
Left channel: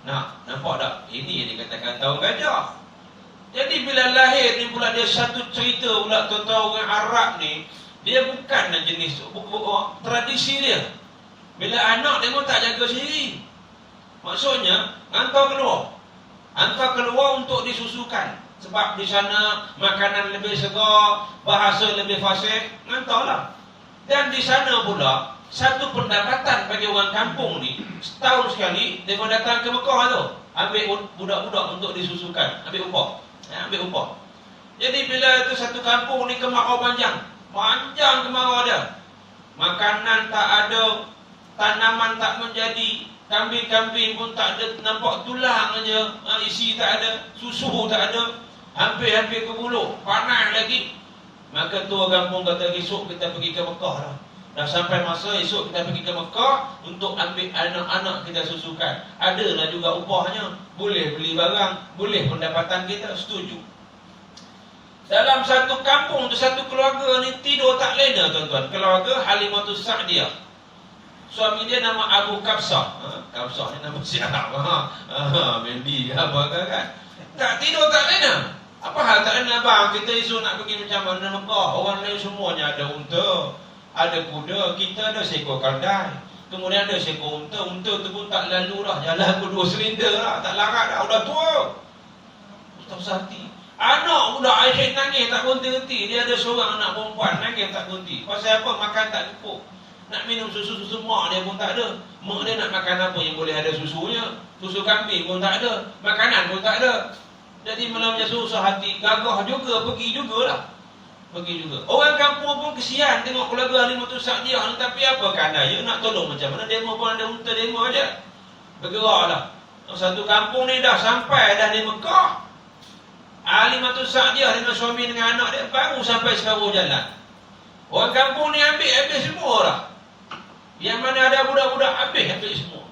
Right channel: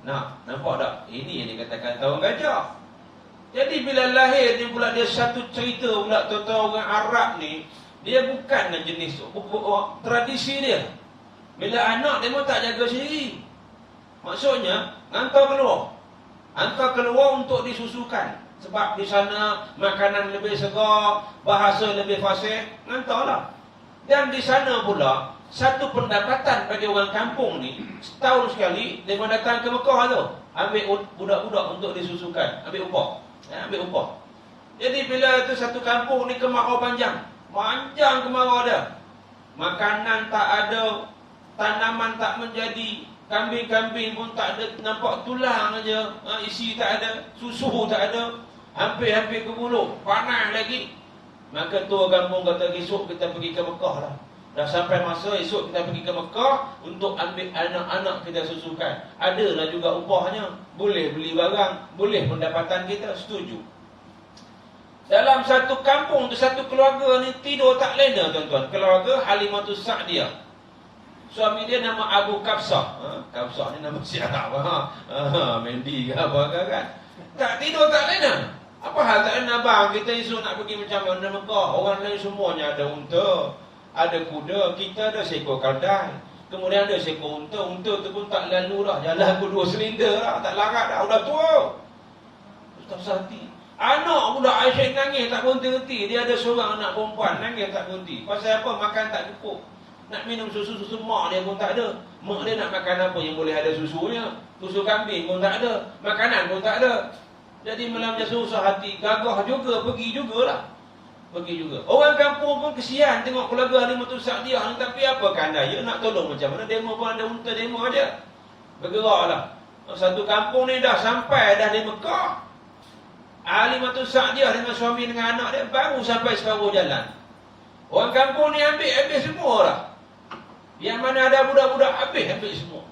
Nah, nampak tak? Ini yang dikatakan tahun gajah. Jadi bila lahir ni pula dia satu cerita pula tuan-tuan, orang Arab ni dia bukan jenis tradisi dia. Bila anak dia pun tak jaga sendiri. Maksudnya hantar keluar untuk disusukan. Sebab di sana makanan lebih segar, bahasa lebih fasih, ngantaulah. Dan di sana pula, satu pendapatan bagi orang kampung ni, setahun sekali, dia datang ke Mekah tu, ambil budak-budak untuk disusukan, ambil upah. Ambil upah. Jadi bila itu satu kampung ni kemarau panjang kemarau dia. Makanan tak ada, tanaman tak menjadi, kambing-kambing pun tak ada, nampak tulang aja, isi tak ada, susu tak ada, hampir-hampir ke mulut, panas lagi. Maka tua kampung kata, esok kita pergi ke Mekah dah. Dah sampai masa esok kita pergi ke Mekah untuk ambil anak-anak kita susukan. Adalah juga upahnya, boleh beli barang, boleh pendapatan kita, setuju. Dalam satu kampung tu, satu keluarga ni tidur tak lena tuan-tuan. Keluarga Halimatus Sa'diyah. Suami dia nama Abu Kabsah. Kabsah ni nama siapa? Mendi ke apa kan? Tak tidur tak lena. Apa hal tak lena bang? Kita esok nak pergi macam mana Mekah? Orang lain semuanya ada unta, ada kuda, kita ada seekor kaldai. Kemudian ada seekor unta. Unta tu pun tak lalu dah. Jalan berdua silinder lah. Tak larat dah. Udah tua. Ustaz Sati. Anak budak Aisyah nangis tak berhenti-henti. Dia ada seorang anak perempuan nangis tak berhenti. Pasal apa? Makan tak cukup. Nak minum susu-susu mak dia pun tak ada. Mak dia nak makan apa yang boleh ada susunya? Susu kambing pun tak ada. Makanan pun tak ada. Jadi malamnya susah hati. Gagah juga, pergi jugalah. Pergi juga. Orang kampung pun kesian tengok keluarga Halimatus Sa'diyah ni. Tapi apa kandai dia nak tolong macam mana? Demo pun ada unta demo aja. Bergeraklah. Satu kampung ni dah sampai dah di Mekah. Halimatus Sa'diyah dengan suami dengan anak dia baru sampai separuh jalan. Orang kampung ni ambil semua lah. Yang mana ada budak-budak ambil semua.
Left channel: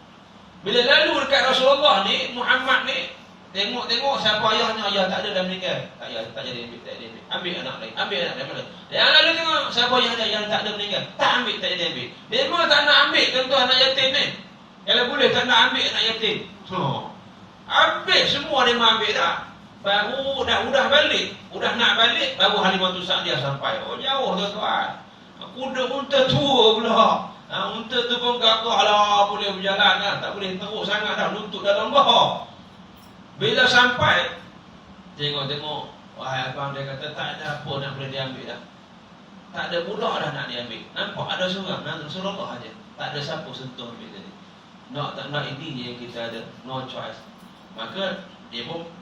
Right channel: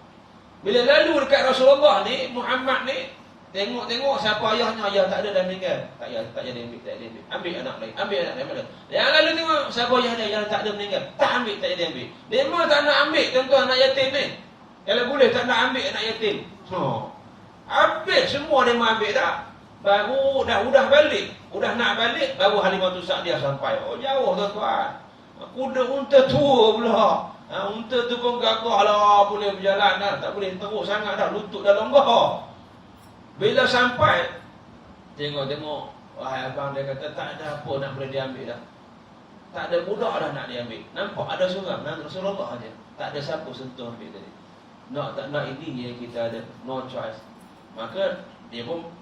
Bila lalu dekat Rasulullah ni, Muhammad ni, tengok siapa ayahnya, ayah tak ada dah meninggal. Tak jadi ambil. Ambil anak lain, ambil anak lain. Yang lalu tengok siapa ayahnya, ayah tak ada meninggal. Tak ambil, tak jadi ambil. Dia memang tak nak ambil tuan-tuan anak yatim ni. Kalau boleh tak nak ambil anak yatim. Ambil semua dia memang ambil dah. Baru udah balik, udah nak balik, baru Halimatus Sa'diyah sampai. Oh jauh tuan-tuan. Kuda unta tua pula. Unta tu pun gagah lah, boleh berjalan dah. Tak boleh teruk sangat dah, lutut dalam gah. Bila sampai, tengok, wahai abang dia kata tak ada apa nak boleh diambil dah. Tak ada budak dah nak diambil. Nampak ada seorang, Rasulullah aja. Tak ada siapa sentuh ambil tadi. Tak nak ini yang kita ada, no choice. Maka dia pun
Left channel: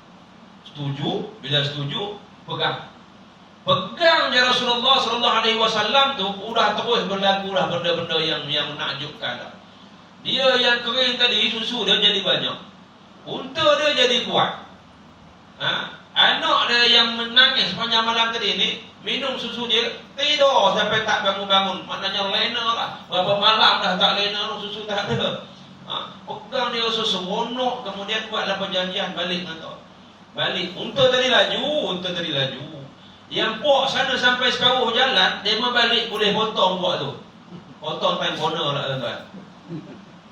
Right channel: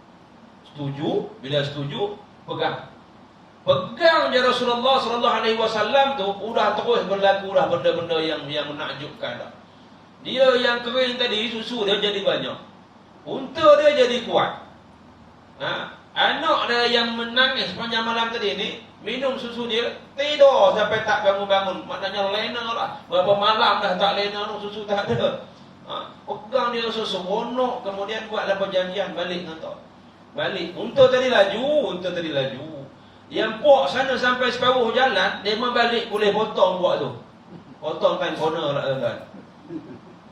setuju. Bila setuju, pegang je Rasulullah sallallahu alaihi wasallam tu. Udah terus berlaku dah benda-benda yang menakjubkan dah. Dia yang kering tadi, susu dia jadi banyak, unta dia jadi kuat. Anak dia yang menangis sepanjang malam tadi ni, minum susu dia, tidur sampai tak bangun-bangun. Maknanya lena lah. Berapa malam dah tak lena, susu tak ada. Pegang dia rasa seronok. Kemudian buatlah perjanjian balik dengan tu. Balik. Unta tadi laju. Yang puak sana sampai separuh jalan, dia memang balik boleh potong puak tu. Potong time corner lah tuan-tuan.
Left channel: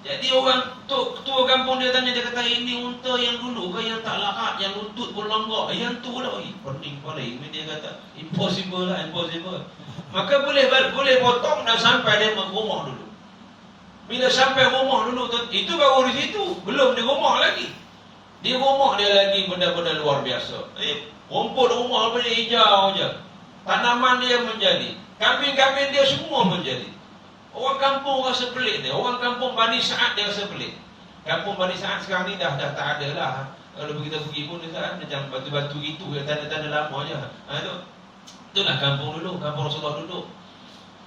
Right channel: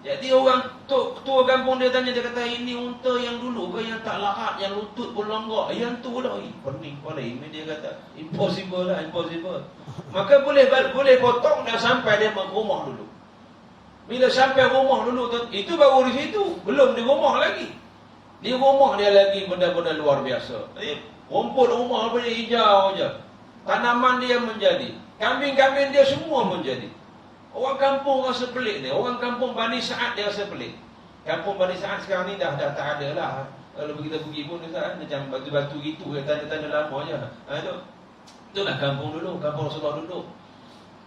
Jadi orang tua kampung dia tanya, dia kata, ini unta yang dulu ke yang tak larat, yang lutut pun longgok? Yang tu lah. Pening kepala. Ini dia kata, impossible lah, impossible. Maka boleh potong dah sampai dia rumah dulu. Bila sampai rumah dulu, itu baru di situ. Belum di rumah lagi. Di rumah dia lagi benda-benda luar biasa. Rumput rumah dia hijau je. Tanaman dia menjadi. Kambing-kambing dia semua menjadi. Orang kampung rasa pelik ni. Orang kampung Bani Sa'ad dia rasa pelik. Kampung Bani Sa'ad sekarang ni dah tak ada lah. Kalau kita pergi pun macam batu-batu gitu, tanda-tanda lama je. Itulah kampung dulu, kampung Rasulullah dulu.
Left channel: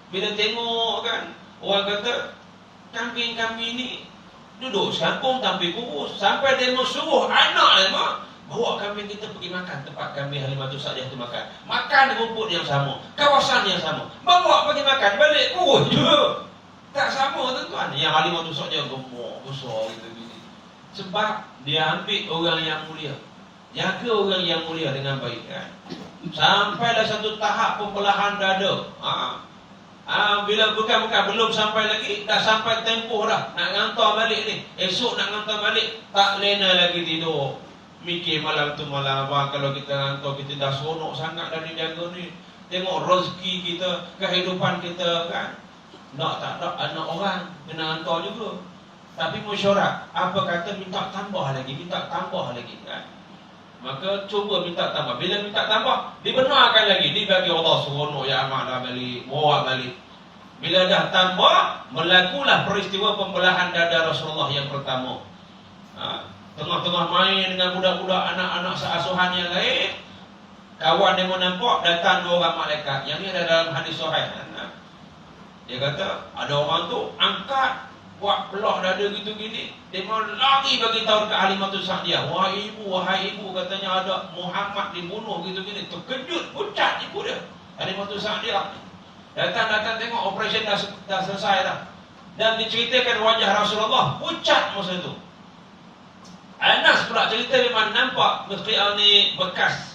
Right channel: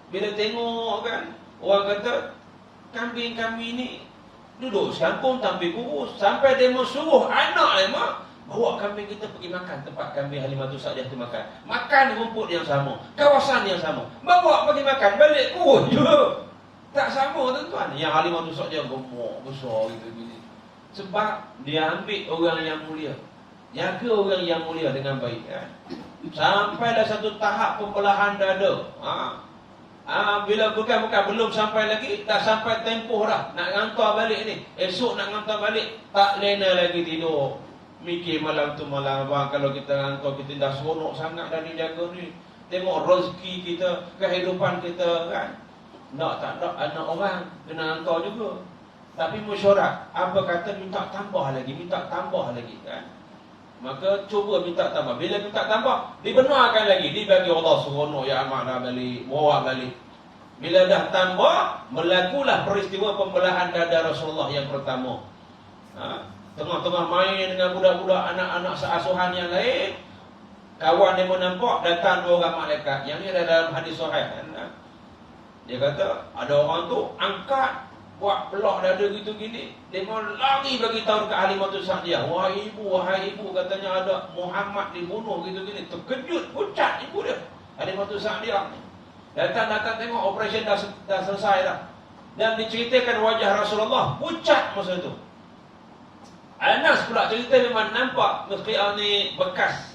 Bila tengok kan, orang kata kambing-kambing ni duduk sekampung tampil kurus. Sampai dia suruh anak dia bawa kambing kita pergi makan tempat kambing Halimatus Sa'diyah tu makan. Makan rumput yang sama, kawasan yang sama. Bawa pergi makan, balik kurus juga. Tak sama tuan-tuan. Yang Halimatus Sa'diyah gemuk, besar gitu-gitu. Sebab dia ambil orang yang mulia. Jaga orang yang mulia dengan baik kan. Sampailah satu tahap pembelahan dada. Bila bukan belum sampai lagi, dah sampai tempoh dah nak hantar balik ni. Esok nak hantar balik, tak lena lagi tidur. Mikir malam tu malam abang, kalau kita hantar, kita dah seronok sangat dari jaga ni. Tengok rezeki kita, kehidupan kita kan. Tak anak orang kena hantar juga. Tapi mesyuarat, apa kata minta tambah lagi kan. Maka cuba minta tambah. Bila minta tambah, dibenarkan lagi. Dibagi Allah seronok, ya amanah balik, bawa balik. Bila dah tambah, melakulah peristiwa pembelahan dada Rasulullah yang pertama. Tengah-tengah main dengan budak-budak, anak-anak seasuhan yang lain, kawan dia menampak, datang dua orang malaikat. Yang ni ada dalam hadis sahih. Dia kata, ada orang tu angkat, buat belah dada gitu gini, dia mau lari bagi tahu dekat Halimatus Sa'diyah. Wahai ibu, katanya ada Muhammad dibunuh gitu gini. Terkejut, pucat ibu dia, Halimatus Sa'diyah ni. Datang tengok operasi dah selesai dah. Dan diceritakan wajah Rasulullah pucat masa tu. Anas pula cerita memang nampak Mustaqil ni bekas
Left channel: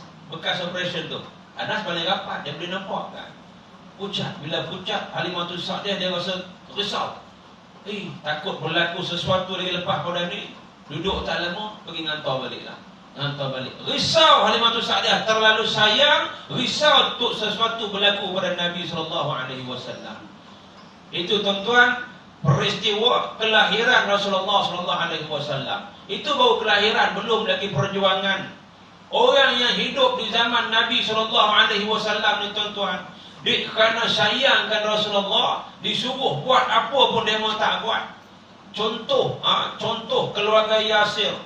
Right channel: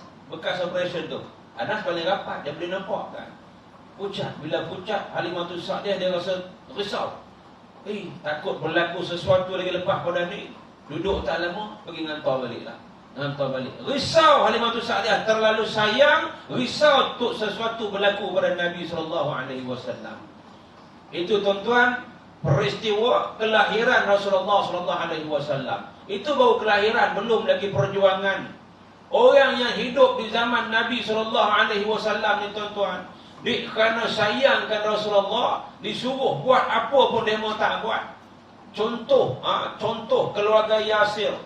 operasi tu. Anas paling rapat, dia boleh nampak kan. Pucat, bila pucat Halimatus Sa'diyah dia rasa risau. Takut berlaku sesuatu lagi lepas pada ni. Duduk tak lama, pergi hantar balik lah. Hantar balik. Risau Halimatus Sa'diyah, terlalu sayang, risau untuk sesuatu berlaku pada Nabi SAW. Itu tuan-tuan, peristiwa kelahiran Rasulullah SAW. Itu baru kelahiran, belum lagi perjuangan. Orang yang hidup di zaman Nabi SAW ni tuan-tuan, kerana sayangkan Rasulullah, disuruh buat apa pun dia mau tak buat. Contoh keluarga Yasir.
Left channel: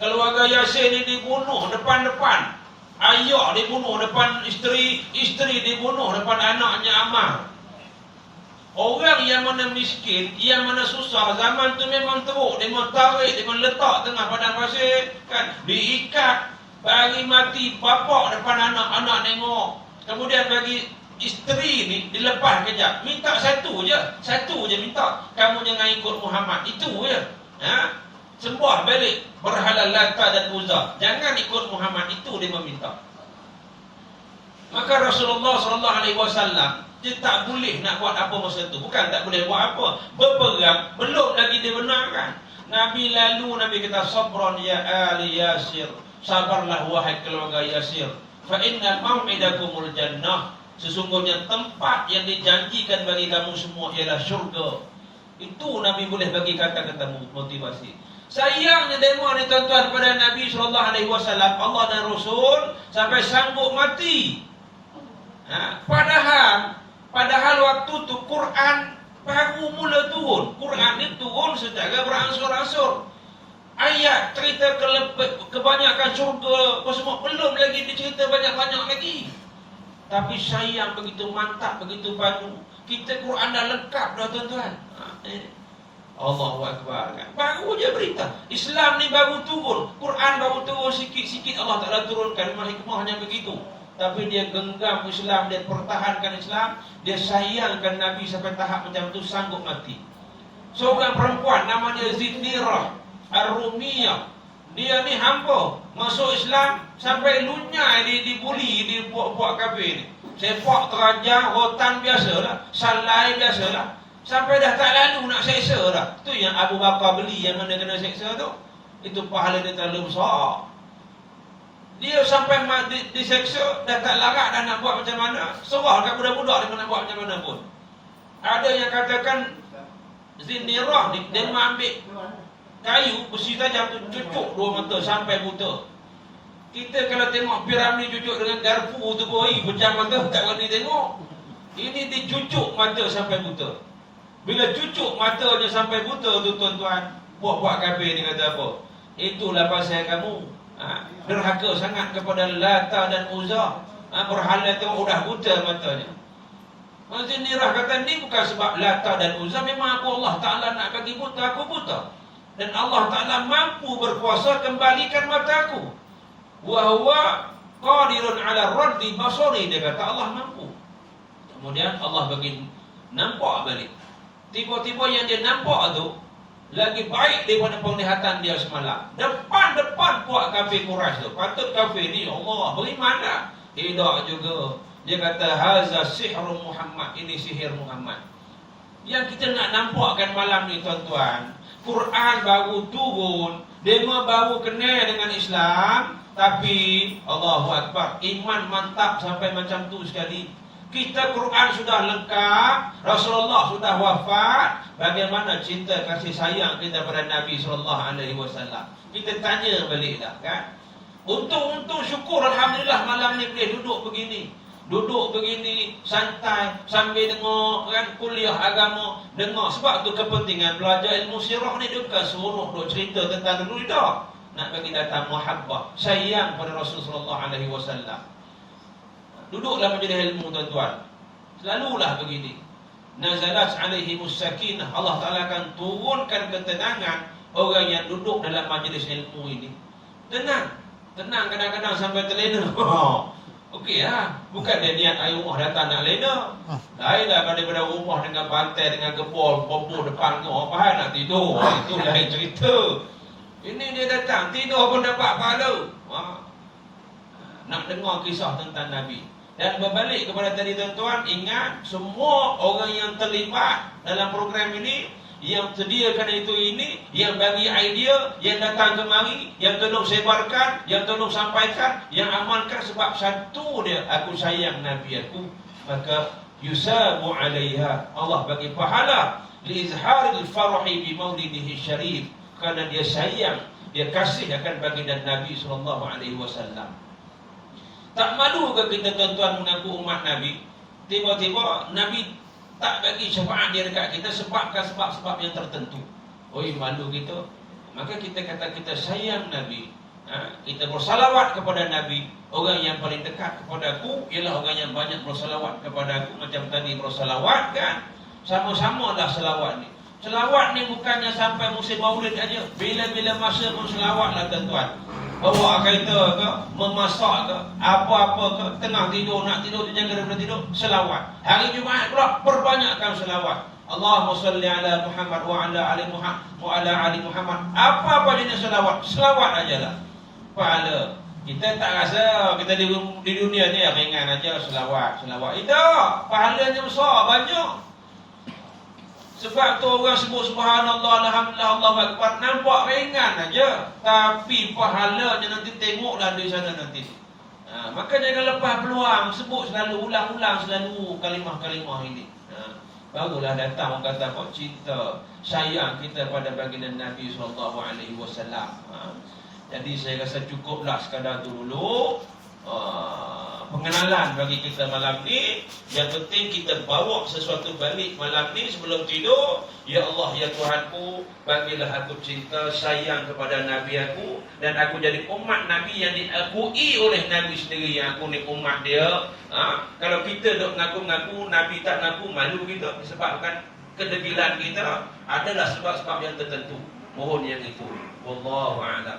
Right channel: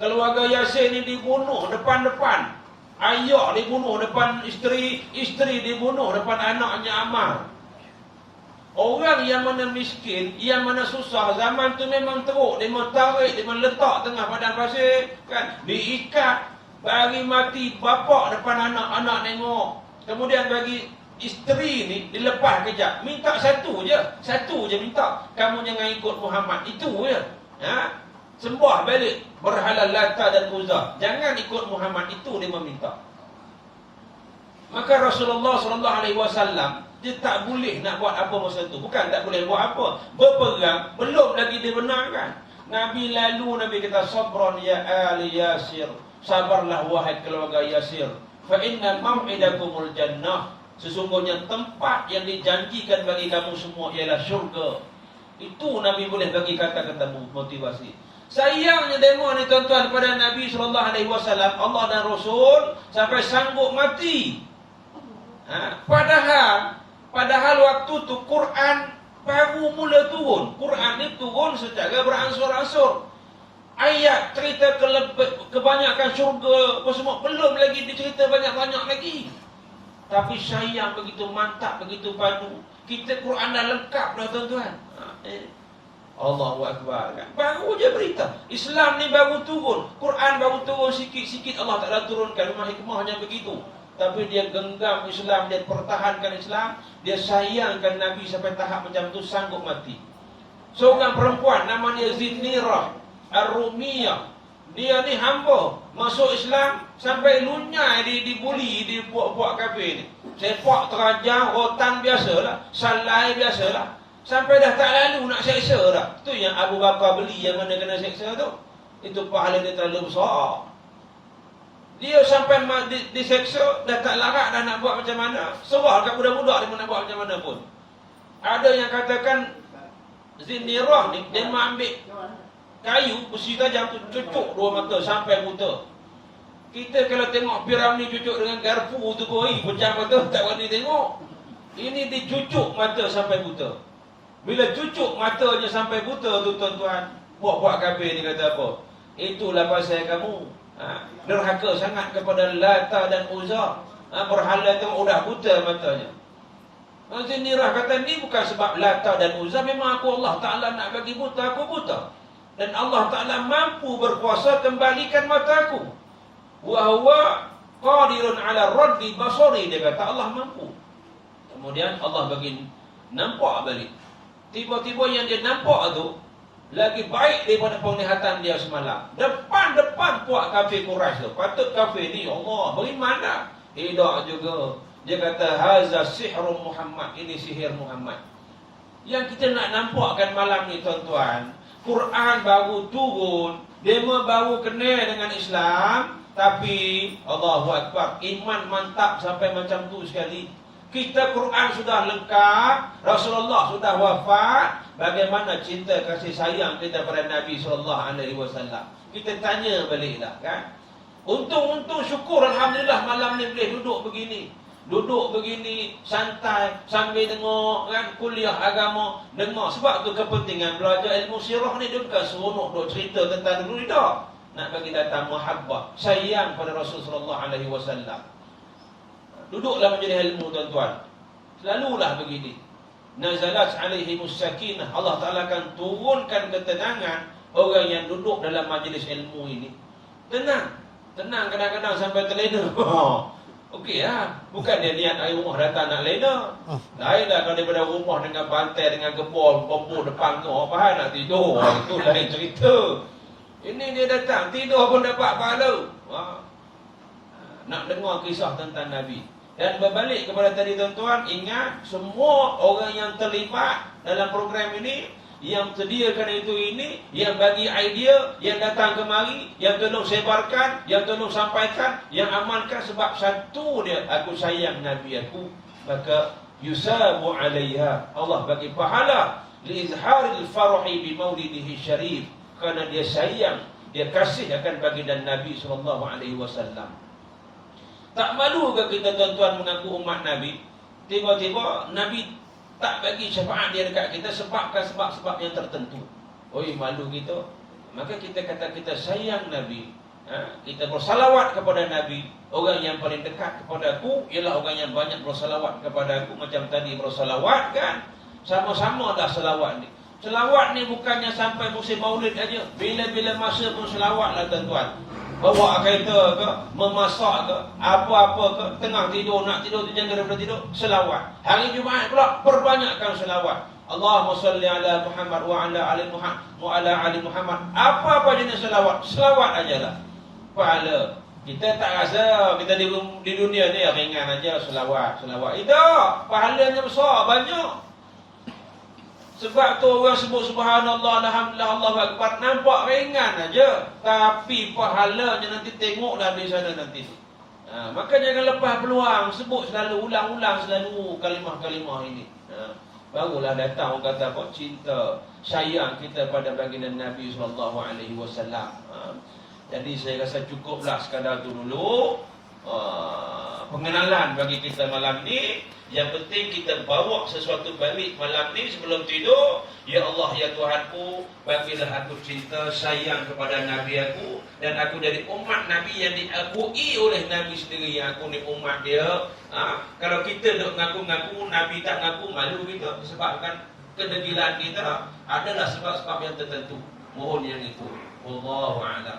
Keluarga Yasir ni dibunuh depan-depan. Ayah dibunuh depan isteri dibunuh depan anaknya Ammar. Orang yang mana miskin, yang mana susah, zaman tu memang teruk. Dia mau tarik, dia mau letak tengah padang pasir, kan? Diikat, bagi mati bapak depan anak-anak tengok. Kemudian bagi isteri ni dilepas kejap, minta satu je minta, kamu jangan ikut Muhammad, itu je. Sembah balik berhala Lata dan Uzza, jangan ikut Muhammad, itu dia meminta. Maka Rasulullah SAW dia tak boleh nak buat apa masa tu. Bukan tak boleh buat apa, berperang, belum lagi dibenarkan. Nabi kata, sabran ya ali Yasir, sabarlah wahai keluarga Yasir, fa innal maw'idakumul jannah, sesungguhnya tempat yang dijanjikan bagi kamu semua ialah syurga. Itu Nabi boleh bagi kata-kata motivasi. Sayangnya demo ni tuan-tuan pada Nabi SAW, Allah dan Rasul sampai sanggup mati. Padahal waktu tu Quran baru mula turun. Quran ni turun secara beransur-ansur. Ayat cerita kebanyakan syurga apa semua belum lagi dicerita banyak-banyak lagi. Tapi sayang begitu mantap, begitu padu. Kita Quran dah lengkap dah tuan-tuan. Allahu Akbar kan. Baru je berita. Islam ni baru turun. Quran baru turun sikit-sikit, Allah Ta'ala turunkan. Memang hikmahnya begitu. Tapi dia genggam Islam, dia pertahankan Islam, dia sayangkan Nabi sampai tahap macam tu, sanggup mati. Seorang perempuan nama dia Zinnirah Ar-Rumiyah. Dia ni hamba masuk Islam sampai lunyai dibuli, dibuat-buat kafir ni. Sepak terajang, rotan biasalah, salai biasalah. Sampai dah tak lalu nak seksa dah. Tu yang Abu Bakar beli yang mana kena seksa tu. Itu pahala dia terlalu besar. Dia sampai diseksa, dah tak larat dah nak buat macam mana. Serah kat budak-budak dia nak buat macam mana pun. Ada yang katakan Zinnirah ni, dia ambil kayu, besi tajam tu, cucuk dua mata sampai buta. Kita kalau tengok Piramli cucuk dengan garpu tu pun, pecah mata, tak berani tengok. Ini dicucuk mata sampai buta. Bila cucuk matanya sampai buta tu tuan-tuan, buat kafir ni kata apa? Itulah pasal kamu derhaka sangat kepada Lata dan Uzza. Berhala tu udah buta matanya. Zinnirah kata, ni bukan sebab Lata dan Uzza, memang aku Allah Ta'ala nak bagi buta, aku buta. Dan Allah Ta'ala mampu berkuasa kembalikan mataku. Wa huwa qadirun ala raddi basari, dia kata Allah mampu. Kemudian Allah bagi nampak balik. Tiba-tiba yang dia nampak tu lagi baik daripada penglihatan dia semalam. Depan-depan kuat kafir Quraisy tu. Patut kafir ni, Allah beriman dah. Tidak juga. Dia kata haza sihrun Muhammad, ini sihir Muhammad. Yang kita nak nampakkan malam ni tuan-tuan, Quran baru turun, demo baru kenal dengan Islam, tapi Allahu Akbar, iman mantap sampai macam tu sekali. Kita Quran sudah lengkap, Rasulullah sudah wafat, bagaimana cinta kasih sayang kita pada Nabi SAW? Kita tanya baliklah kan. Untung syukur alhamdulillah malam ni boleh duduk begini. Duduk begini santai sambil dengar kan kuliah agama, dengar. Sebab tu kepentingan belajar ilmu sirah ni dia bukan seronok duk cerita tentang dulu dah. Nak bagi datang muhabbah, sayang pada Rasulullah sallallahu alaihi wasallam. Duduklah majlis ilmu tuan-tuan. Selalulah begini. Nazalat alaihimus sakinah. Allah Taala akan turunkan ketenangan orang yang duduk dalam majlis ilmu ini. Tenang. Tenang kadang-kadang sampai terlena. Okey lah. Bukan dia niat air rumah datang nak lena. Lain lah kalau daripada rumah dengan bantai, dengan gebor, bambu depan kau. Apa hal nak tidur? Itu lain cerita. Ini dia datang, tidur pun dapat pahala. Nak dengar kisah tentang Nabi. Dan berbalik kepada tadi tuan-tuan, ingat semua orang yang terlibat dalam program ini, yang sediakan itu ini, yang bagi idea, yang datang kemari, yang tolong sebarkan, yang tolong sampaikan, yang amalkan, sebab satu dia, aku sayang Nabi aku, maka yusabu alaiha, Allah bagi pahala li izharil farahi bi maulidihi syarif, kerana dia sayang, dia kasih akan baginda Nabi sallallahu alaihi wasallam. Tak malu ke kita tuan-tuan mengaku umat Nabi? Tiba-tiba Nabi tak bagi syafaat dia dekat kita sebab yang tertentu. Oi, malu kita. Maka kita kata kita sayang Nabi. Kita bersalawat kepada Nabi. Orang yang paling dekat kepada aku ialah orang yang banyak bersalawat kepada aku. Macam tadi bersalawat kan. Sama-sama dah salawat ni. Selawat ni bukannya sampai musim maulid aja. Bila-bila masa pun selawat lah tuan-tuan. Bawa kereta ke, memasak ke, apa-apa ke, tengah tidur, nak tidur, terjaga daripada tidur, selawat. Hari Jumaat pula, perbanyakkan selawat. Allahumma salli ala Muhammad wa ala ali Muhammad wa ala ali Muhammad. Apa-apa jenis selawat, selawat ajalah. Pahala. Kita tak rasa kita di dunia ni ringan aja selawat. Itu pahalanya besar, banyak. Sebab tu orang sebut subhanallah, alhamdulillah, Allahu akbar, nampak ringan aja, tapi pahalanya nanti tengoklah di sana nanti. Maka jangan lepas peluang, sebut selalu, ulang-ulang selalu kalimah-kalimah ini. Barulah datang orang kata apa? Cinta, sayang kita pada baginda Nabi sallallahu alaihi wasallam. Jadi saya rasa cukuplah sekadar tu dulu. Pengenalan bagi kita malam ni. Yang penting kita bawa sesuatu balik malam ni sebelum tidur. Ya Allah, ya Tuhanku, bagilah aku cinta, sayang kepada Nabi aku, dan aku jadi umat Nabi yang diakui oleh Nabi sendiri, yang aku ni umat dia. Kalau kita duk ngaku-ngaku, Nabi tak ngaku, malu kita. Disebabkan kedegilan kita adalah sebab-sebab yang tertentu. Mohon yang itu. Wallahu a'lam.